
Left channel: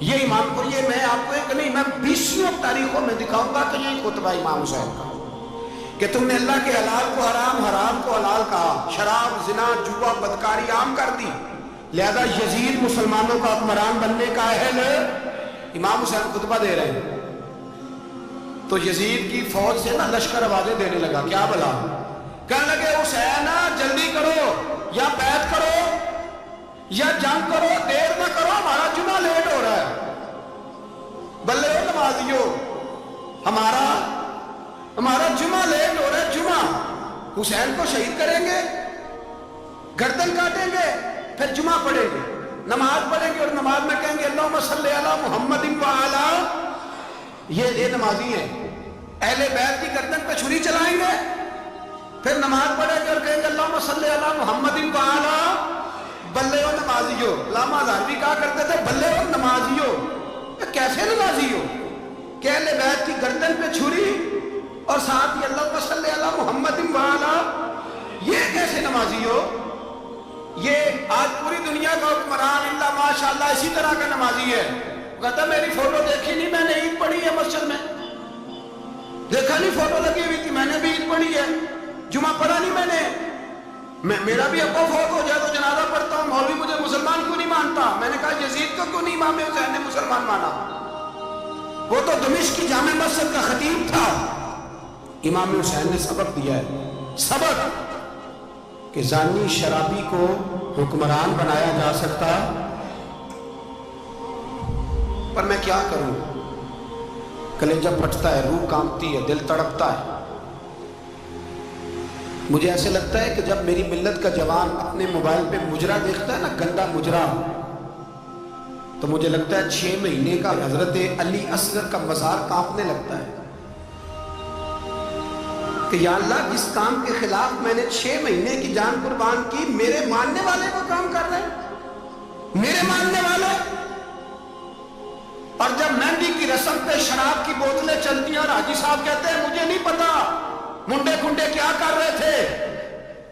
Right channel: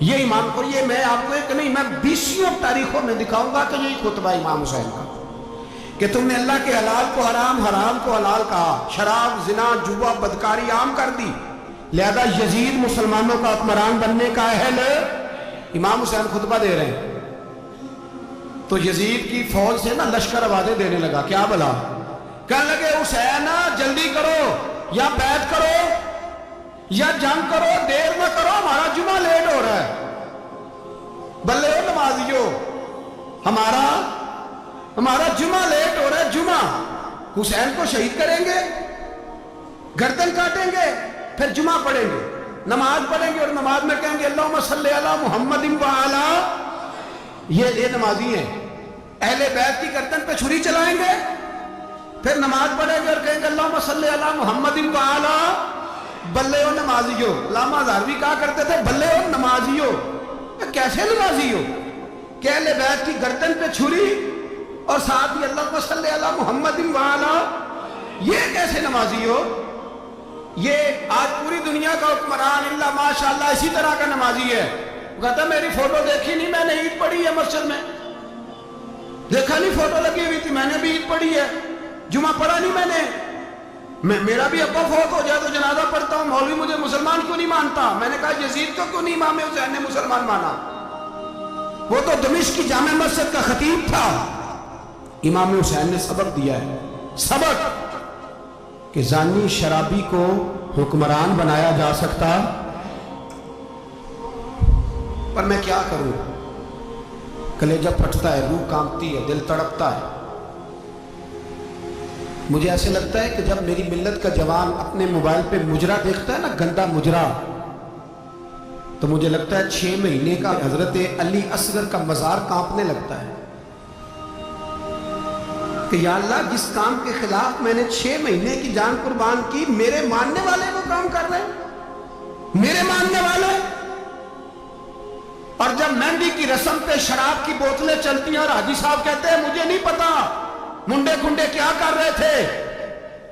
یہ ایمان. اور یہ میں آپ کو ایک نہیں، میں 20 تاریخوں میں دکھاؤں گا کہ یہی خطبہ امام حسین کا کہ تم نے اللہ کے حلال کو حرام، حرام کو حلال کہا، شراب، زنا، جوا، بدکاری عام کر دی. لہذا یزید مسلمانوں کا حکمران بننے کا اہل ہے. امام حسین خطبہ دے رہے ہیں تو یزید کی فوج سے نا لشکر آوازیں دینے لگا. کیا بلا؟ کہنے لگے حسین جلدی کرو، یا بیعت کرو یا جنگ کرو، دیر نہ کرو، ہمارا جمعہ لیٹ ہو رہا ہے. بلے ہو نمازیو، ہمارا جمعہ لیٹ ہو رہا ہے. جمعہ حسین کو شہید کریں گے، گردن کاٹیں گے، پھر جمعہ پڑھیں گے، نماز پڑھیں گے اور نماز میں کہیں گے اللہم صلی علی محمد وعلی. یہ نمازی ہیں. اہل بیت کی گردن پہ چھری چلائیں گے، پھر نماز پڑھیں گے اور کہیں گے اللہم صلی علی محمد وعلی. بلے ہو نمازیو. علامہ ہزاروی کہا کرتے تھے بلے ہو نمازیو. کیسے نمازی ہو کہ اہل بیت کی گردن پہ چھری اور ساتھ ہی اللہم صلی علی محمد وعلی؟ یہ کیسے نمازی ہو؟ یہ آج پوری دنیا کا حکمران اللہ ماشاءاللہ اسی طرح کا نمازی ہے. وہ کہتا میری فوٹو دیکھی نہیں، میں نے عید پڑھی ہے مسجد میں، دیکھا نہیں فوٹو لگی ہوئی تھی، میں نے بھی عید پڑھی ہے، جمعہ پڑھا نہیں میں نے. میرا بھی ابا فوت ہو جائے تو جنازہ پڑھتا ہوں، مولوی مجھے مسلمان کیوں نہیں مانتا؟ میں نے کہا یزید کو کیوں نہیں امام حسین نے مسلمان مانا؟ وہ تو دمشق کی جامع مسجد کا خطیب تھا. امام حسین نے سبق دیا ہے، سبق کہ زانی شرابی کو حکمران بنایا جا سکتا. پر میں کیا کروں، کلیجہ پھٹتا ہے، روح کانپتی ہے، دل تڑپتا ہے. مجھے ایسے لگتا ہے کہ جب میری ملت کا جوان اپنے موبائل پہ مجرا دیکھتا ہے نا، گندا مجرا، تو مجھے لگتا ہے 6 مہینے کا حضرت علی اصغر کا مزار کانپنے لگتا ہے کہ یا اللہ جس کام کے خلاف میں نے 6 مہینے کی جان قربان کی، میرے ماننے والے وہ کام کر رہے ہیں، میرے ماننے والے. اور جب مہندی کی رسم پہ شراب کی بوتلیں چلتی ہیں اور حاجی صاحب کہتے ہیں مجھے نہیں پتا منڈے کنڈے کیا کر رہے تھے،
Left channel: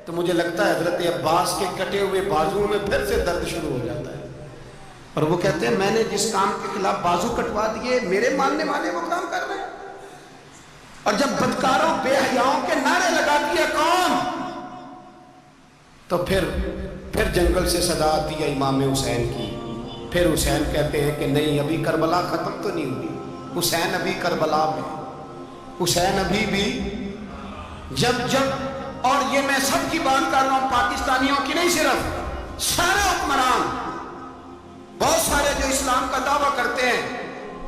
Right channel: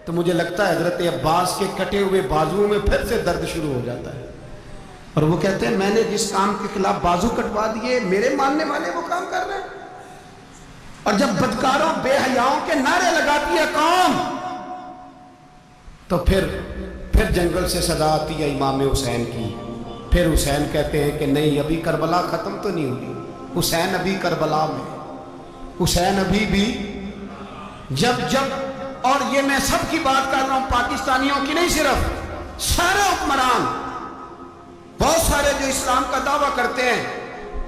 تو مجھے لگتا ہے حضرت عباس کے کٹے ہوئے بازوؤں میں پھر سے درد شروع ہو جاتا ہے. اور وہ کہتے ہیں میں نے جس کام کے خلاف بازو کٹوا دیے، میرے ماننے والے وہ کام کر رہے ہیں. اور جب بدکاروں بے حیاؤں کے نعرے لگاتی ہے قوم تو پھر جنگل سے صدا آتی ہے امام حسین کی. پھر حسین کہتے ہیں کہ نہیں، ابھی کربلا ختم تو نہیں ہوئی، حسین ابھی کربلا میں، حسین ابھی بھی جب اور یہ میں سب کی بات کر رہا ہوں، پاکستانیوں کی نہیں، صرف سارے حکمران، بہت سارے جو اسلام کا دعویٰ کرتے ہیں،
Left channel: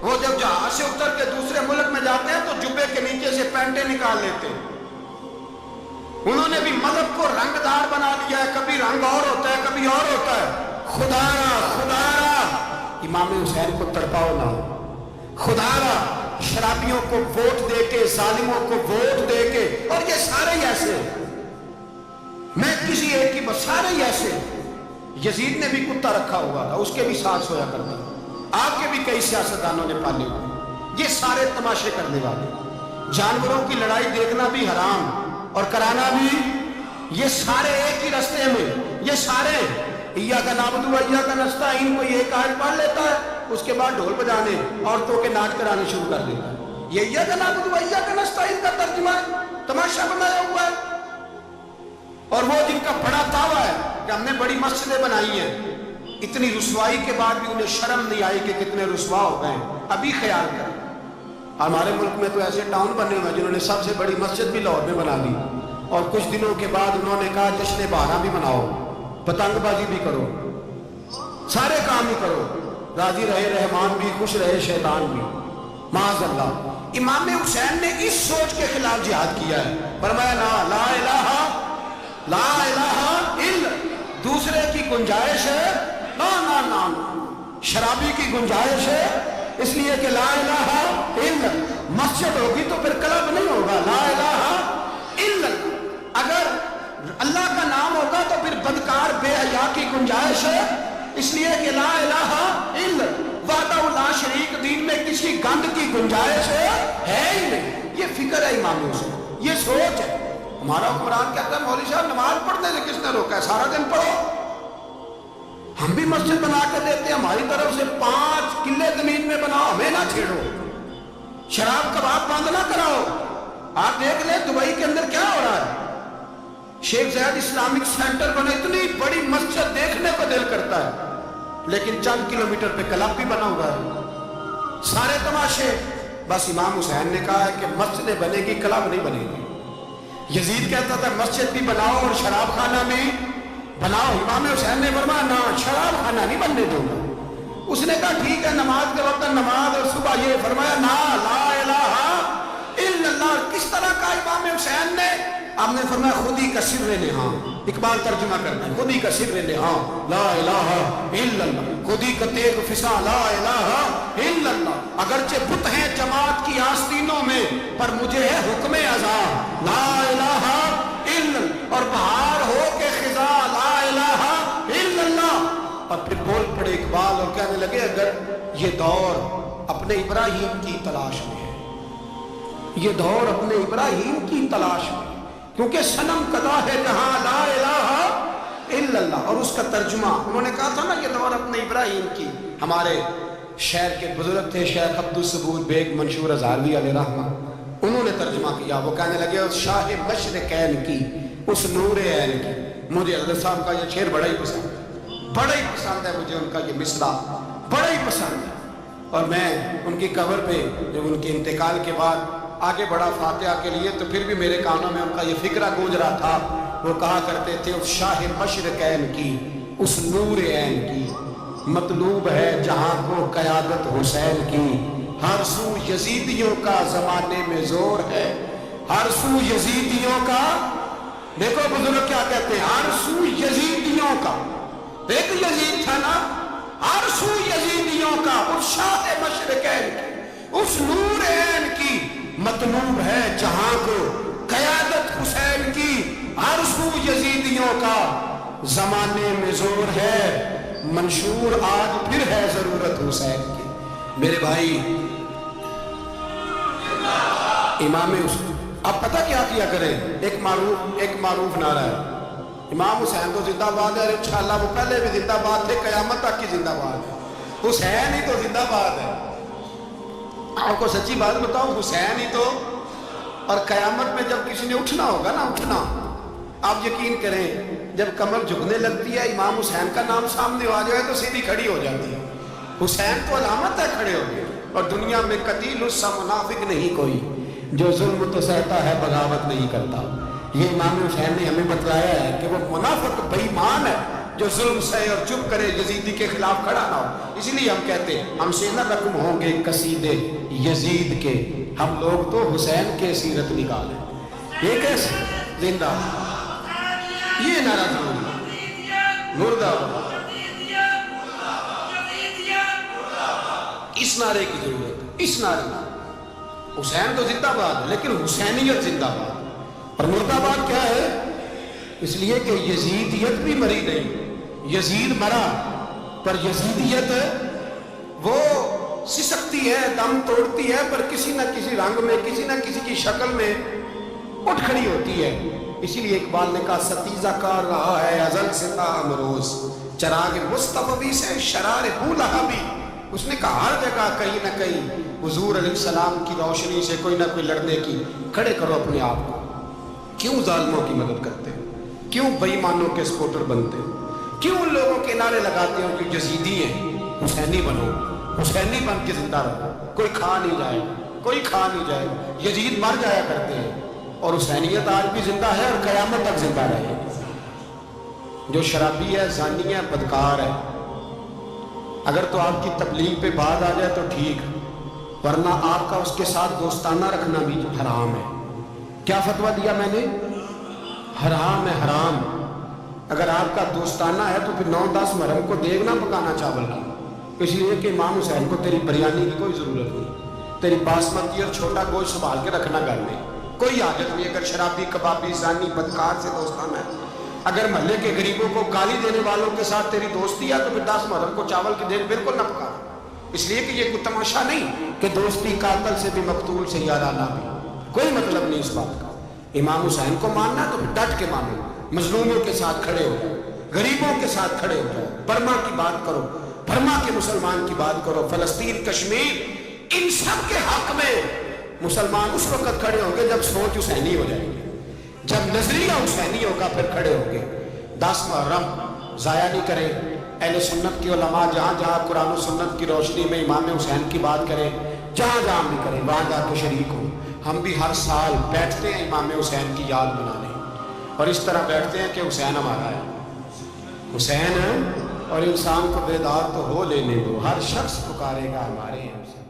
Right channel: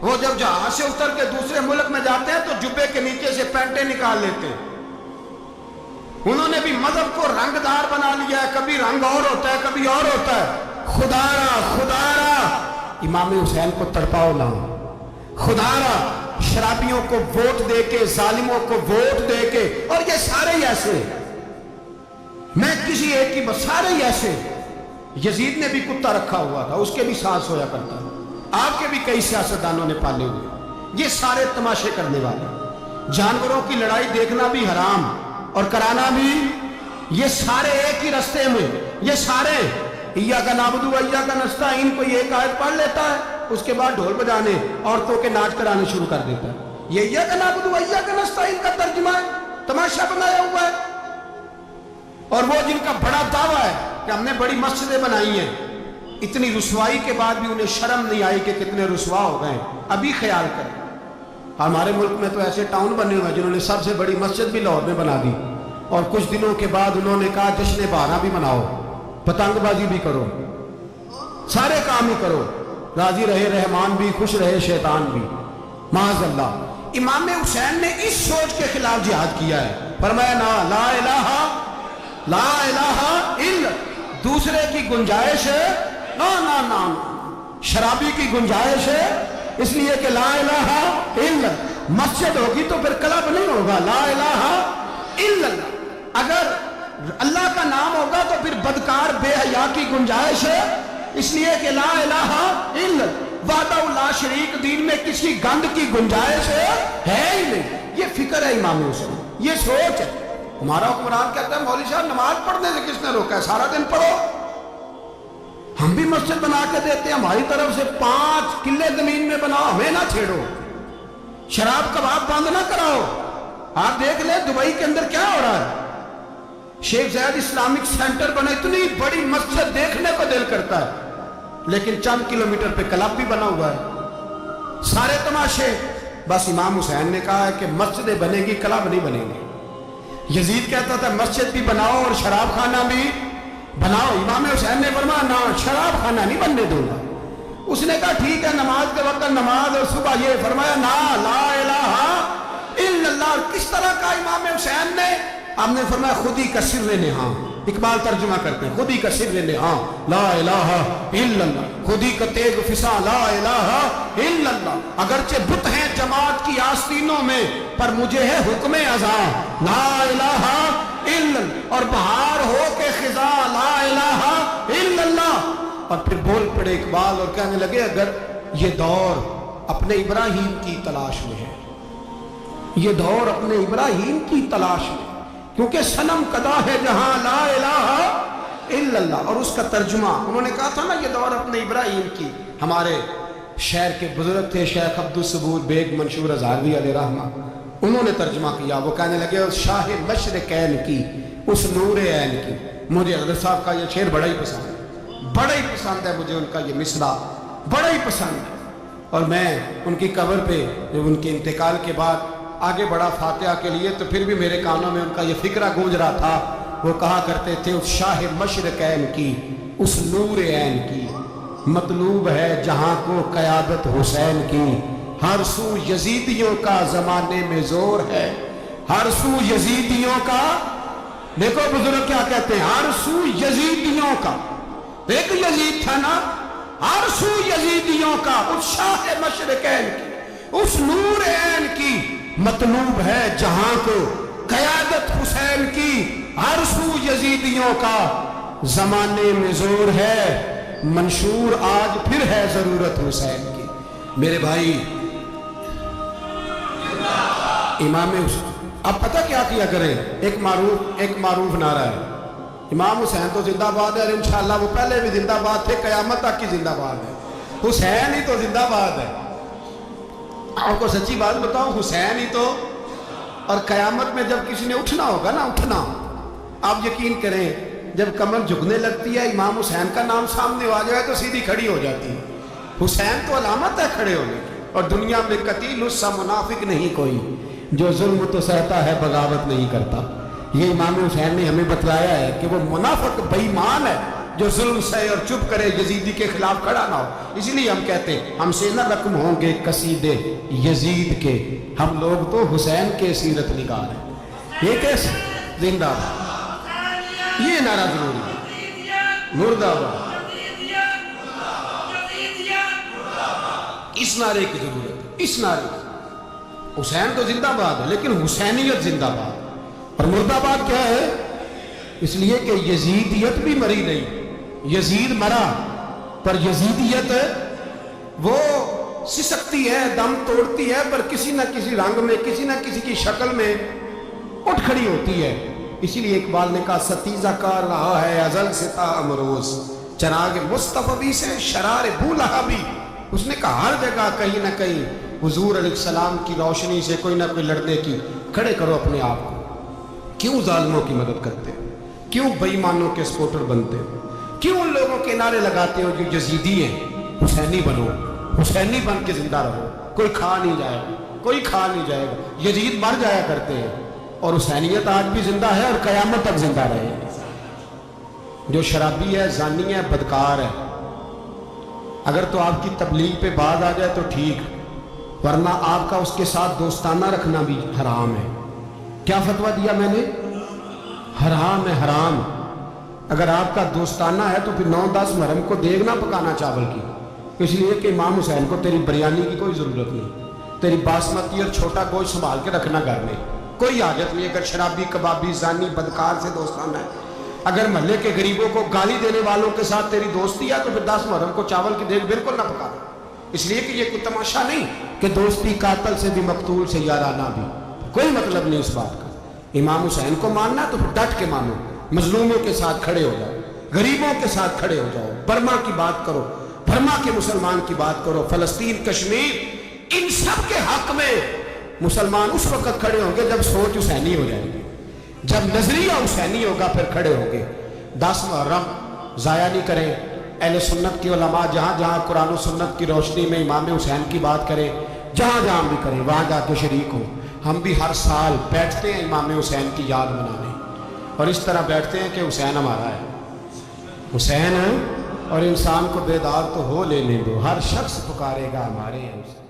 وہ جب جہاز سے اتر کے دوسرے ملک میں جاتے ہیں تو جبے کے نیچے سے پینٹیں نکال لیتے ہیں. انہوں نے بھی مذہب کو رنگ دار بنا لیا ہے، کبھی رنگ اور ہوتا ہے کبھی اور ہوتا ہے. خدا را امام حسین کو تڑپاؤ نہ، خدا را شرابیوں کو ووٹ دے کے، ظالموں کو ووٹ دے کے، اور یہ سارے ہی ایسے، میں کسی ایک کی بس، سارے ہی ایسے. یزید نے بھی کتا رکھا ہوا تھا، اس کے بھی ساتھ سویا کرتا تھا، آپ کے بھی کئی سیاستدانوں نے پالے ہوئے. یہ سارے تماشے کرنے والے، جانوروں کی لڑائی دیکھنا بھی حرام اور کرانا بھی، یہ سارے ایک ہی رستے میں، یہ سارے ایاک نعبد و ایاک نستعین کو ایک آیت پڑھ لیتا ہے، اس کے بعد ڈھول بجانے، عورتوں کے ناچ کرانے شروع کر دیتا ہے. یہ ایاک نعبد و ایاک نستعین کا ترجمہ ہے، تماشا بنایا ہوا ہے. اور وہ جن کا بڑا دعویٰ ہے کہ ہم نے بڑی مسجدیں بنائی ہیں، اتنی رسوائی کے بعد بھی انہیں شرم نہیں آئی کہ کتنے رسوا ہو گئے. ابھی خیال کریں، ہمارے ملک میں تو ایسے ٹاؤن بنے ہوئے ہیں جنہوں نے سب سے بڑی مسجد بھی لاہور میں بنا دی، اور کچھ دنوں کے بعد انہوں نے کہا جشن بہارا بھی مناؤ، پتنگ بازی بھی کرو، سارے کام ہی کرو، راضی رہے رحمان بھی، خوش رہے شیطان بھی. معاذ اللہ. امام حسین نے اس سوچ کے خلاف جہاد کیا ہے، فرمایا نا لا الہ الا، دوسرے کی گنجائش ہے نا، شرابی کی گنجائش ہے، اس لیے کہ لا الہ الا، مسجد ہوگی تو پھر کلب نہیں ہوگا. لا الہ الا اللہ، اگر اللہ کا نام ہوگا تو پھر بدکار بے حیا کی گنجائش ہے، اس لیے کہ لا الہ الا وحدہ لا شریک، دین میں کسی گند کی گنجائش ہے ہی نہیں. یہ فکر ہے امام حسین، یہ سوچ ہے. ہمارا حکمران کہتا ہے مولوی صاحب نماز پڑھنے سے کس نے روکا ہے، سارا دن پڑھو. ہم بھی مسجد بنا کے دیتے ہیں، ہماری طرف سے 5 کلے زمین میں بناؤ، ہمیں نہ چھیڑو. شراب کباب بند نہ کراؤ. آپ دیکھ لیں دبئی کے اندر کیا ہو رہا ہے، شیخ زید اسلامک سینٹر بنے، اتنی بڑی مسجد دیکھنے کو دل کرتا ہے، لیکن چند کلومیٹر پہ کلب بھی بنا ہوا ہے، سارے تماشے. بس امام حسین نے کہا ہے کہ مسجدیں بنے گی، کلب نہیں بنے گی. یزید کہتا تھا مسجد بھی بناؤ اور شراب خانہ بھی بناؤ. امام حسین نے فرمایا نہ، شراب خانہ نہیں بننے دوں گا. اس نے کہا ٹھیک ہے، نماز کے وقت نماز اور صبح یہ. فرمایا نا لا الہ الا اللہ. کس طرح کا امام حسین نے؟ آپ نے فرمایا خودی کا سر نہاں. اقبال ترجمہ کرتے ہیں خودی کا سر نہاں لا الہ الا اللہ، خودی کا تیغ فساں لا الہ الا اللہ. اگرچہ بت ہیں جماعت کی آستینوں میں، پر مجھے ہے حکم ازاں لا الہ الا اللہ. اور بہار ہو کے خزاں لا الہ الا اللہ. اور پھر بول پڑے اقبال اور کہنے لگے اگر یہ دور اپنے ابراہیم کی تلاش میں ہے، یہ دور اپنے ابراہیم کی تلاش میں، کیونکہ صنم کدا ہے جہاں لا الہ الا اللہ. اور اس کا ترجمہ انہوں نے کہا تھا نا یہ دور اپنے ابراہیم کی. ہمارے شہر کے بزرگ تھے شیخ عبدالصبور بیگ منشور ہزاروی علیہ رحمہ، انہوں نے ترجمہ کیا. وہ کہنے لگے اس شاہ مشرقین کی، اس نور عین کی. مجھے حضرت صاحب کا یہ شعر بڑا ہی پسند ہے، بڑا ہی پسند ہے مجھے، ان کا یہ مصرع بڑا ہی پسند ہے. اور میں ان کی قبر پہ جب ان کے انتقال کے بعد آگے بڑھا فاتحہ کے لیے تو پھر بھی میرے کانوں میں ان کا یہ فکرہ گونج رہا تھا. وہ کہا کرتے تھے اس شاہ مشرقین کی، اس نور عین کی، مطلوب ہے جہاں کو قیادت حسین کی. ہر سو یزیدیوں کا زمانے میں زور ہے، ہر سو یزیدیوں کا. دیکھو بزرگ کیا کہتے ہیں، ہر سو یزیدیوں کا. ایک یزید تھا نا، ہر سو یزیدیوں کا، اس شاہ مشرقین کی، اس نور عین کی، مطلوب ہے جہاں کو قیادت حسین کی. ہر سو یزیدیوں کا زمانے میں زور ہے، منشور آج پھر ہے ضرورت حسین کی. میرے بھائی امام حسین، اب پتہ کیا کیا کریں، ایک معروف نعرہ ہے، امام حسین تو زندہ باد ہے، اور انشاءاللہ وہ پہلے بھی زندہ باد تھے، قیامت تک کی زندہ باد ہے. حسین ہی تو زندہ باد ہے. آپ کو سچی بات بتاؤں، حسین ہی تو. اور قیامت میں جب کسی نے اٹھنا ہوگا نا، اٹھنا، آپ یقین کریں جب کمر جھکنے لگتی ہے امام حسین کا نام سامنے آ جائے تو سیدھی کھڑی ہو جاتی ہے. حسین تو علامت ہے کھڑے ہونے کی. اور دنیا میں قتیل اس سا منافق نہیں کوئی جو ظلم تو سہتا ہے بغاوت نہیں کرتا. یہ امام حسین نے ہمیں بتلایا ہے کہ وہ منافق بے ایمان ہے جو ظلم سہے اور چپ کرے، یزیدی کے خلاف کھڑا نہ ہو. اس لیے ہم کہتے ہیں ہم سے نہ رقم ہوں گے قصیدے یزید کے، ہم لوگ تو حسین کے سیرت نگار ہیں. یہ کیسے زندہ باد، یہ نعرہ ضروری ہے. مردہ آباد، اس نعرے کی ضرورت ہے. اس نعرے کی حسین تو زندہ باد ہے لیکن حسینیت زندہ باد. اور مردہ آباد کیا ہے؟ اس لیے کہ یزیدیت بھی مری نہیں. یزید مرا پر یزیدیت وہ سسکتی ہے، دم توڑتی ہے، پر کسی نہ کسی رنگ میں، کسی نہ کسی کی شکل میں اٹھ کھڑی ہوتی ہے. اسی لیے اقبال نے کہا ستیزہ کار رہا ہے ازل سے تا امروز، چراغ مصطفی سے شرار بولہا بھی. اس نے کہا ہر جگہ کہیں نہ کہیں حضور علیہ السلام کی روشنی سے کوئی نہ کوئی لڑنے کی. کھڑے کرو اپنے آپ کو. کیوں ظالموں کی مدد کرتے ہو؟ کیوں بے ایمانوں کے سپورٹر بنتے ہو؟ کیوں ان لوگوں کے نعرے لگاتے ہو جو یزیدی ہیں؟ حسینی بنو، حسینی بن کے زندہ رہو. کوئی کھا نہیں جائے گا، کوئی کھا نہیں جائے گا. یزید مر جایا کرتے ہیں اور حسینیت آج بھی زندہ ہے اور قیامت تک زندہ رہے. جو شرابی ہے، زانی ہے، بدکار ہے، اگر تو آپ کی تبلیغ پہ بات آ جائے تو ٹھیک، ورنہ آپ کا اس کے ساتھ دوستانہ رکھنا بھی حرام ہے. کیا فتویٰ دیا میں نے؟ حرام ہے، حرام. اگر آپ کا دوستانہ ہے تو پھر 9-10 محرم کو دیگ نہ پکانا چاول کی، اس لیے کہ امام حسین کو تیری بریانی کی کوئی ضرورت نہیں. تیری باسمتی اور چھوٹا گوشت سنبھال کے رکھنا گھر میں، کوئی حاجت نہیں. اگر شرابی، کبابی، زانی، بدکار سے دوستانہ ہے، اگر محلے کے غریبوں کو گالی دینے والوں کے ساتھ تیری دوستی ہے تو پھر 10 محرم کو چاول کی دیگ بالکل نہ پکانا. اس لیے کہ یہ کوئی تماشا نہیں کہ دوستی قاتل سے بھی مقتول سے یارانہ بھی. کوئی مطلب نہیں اس بات کا. امام حسین کو ماننا تو پھر ڈٹ کے مانو. مظلوموں کے ساتھ کھڑے ہو جاؤ، غریبوں کے ساتھ کھڑے ہو جاؤ. برما کی بات کرو، برما کے مسلمان کی بات کرو. فلسطین، کشمیر، ان سب کے حق میں مسلمان اس وقت کھڑے ہوں گے جب سوچ حسینی ہو جائے گی، جب نظریہ حسینی ہوگا پھر کھڑے ہوں گے. 10 محرم ضائع نہیں کریں. اہل سنت کی علماء جہاں جہاں قرآن و سنت کی روشنی میں امام حسین کی بات کریں، جہاں جہاں بھی کریں، وہاں جا کے شریک ہوں. ہم بھی ہر سال بیٹھتے ہیں امام حسین کی یاد منانے، اور اس طرح بیٹھتے ہیں کہ حسین ہمارا ہے، حسین ہے. اور انسان کو بیدار تو ہو لینے دو، ہر شخص پکارے گا ہمارے حسین.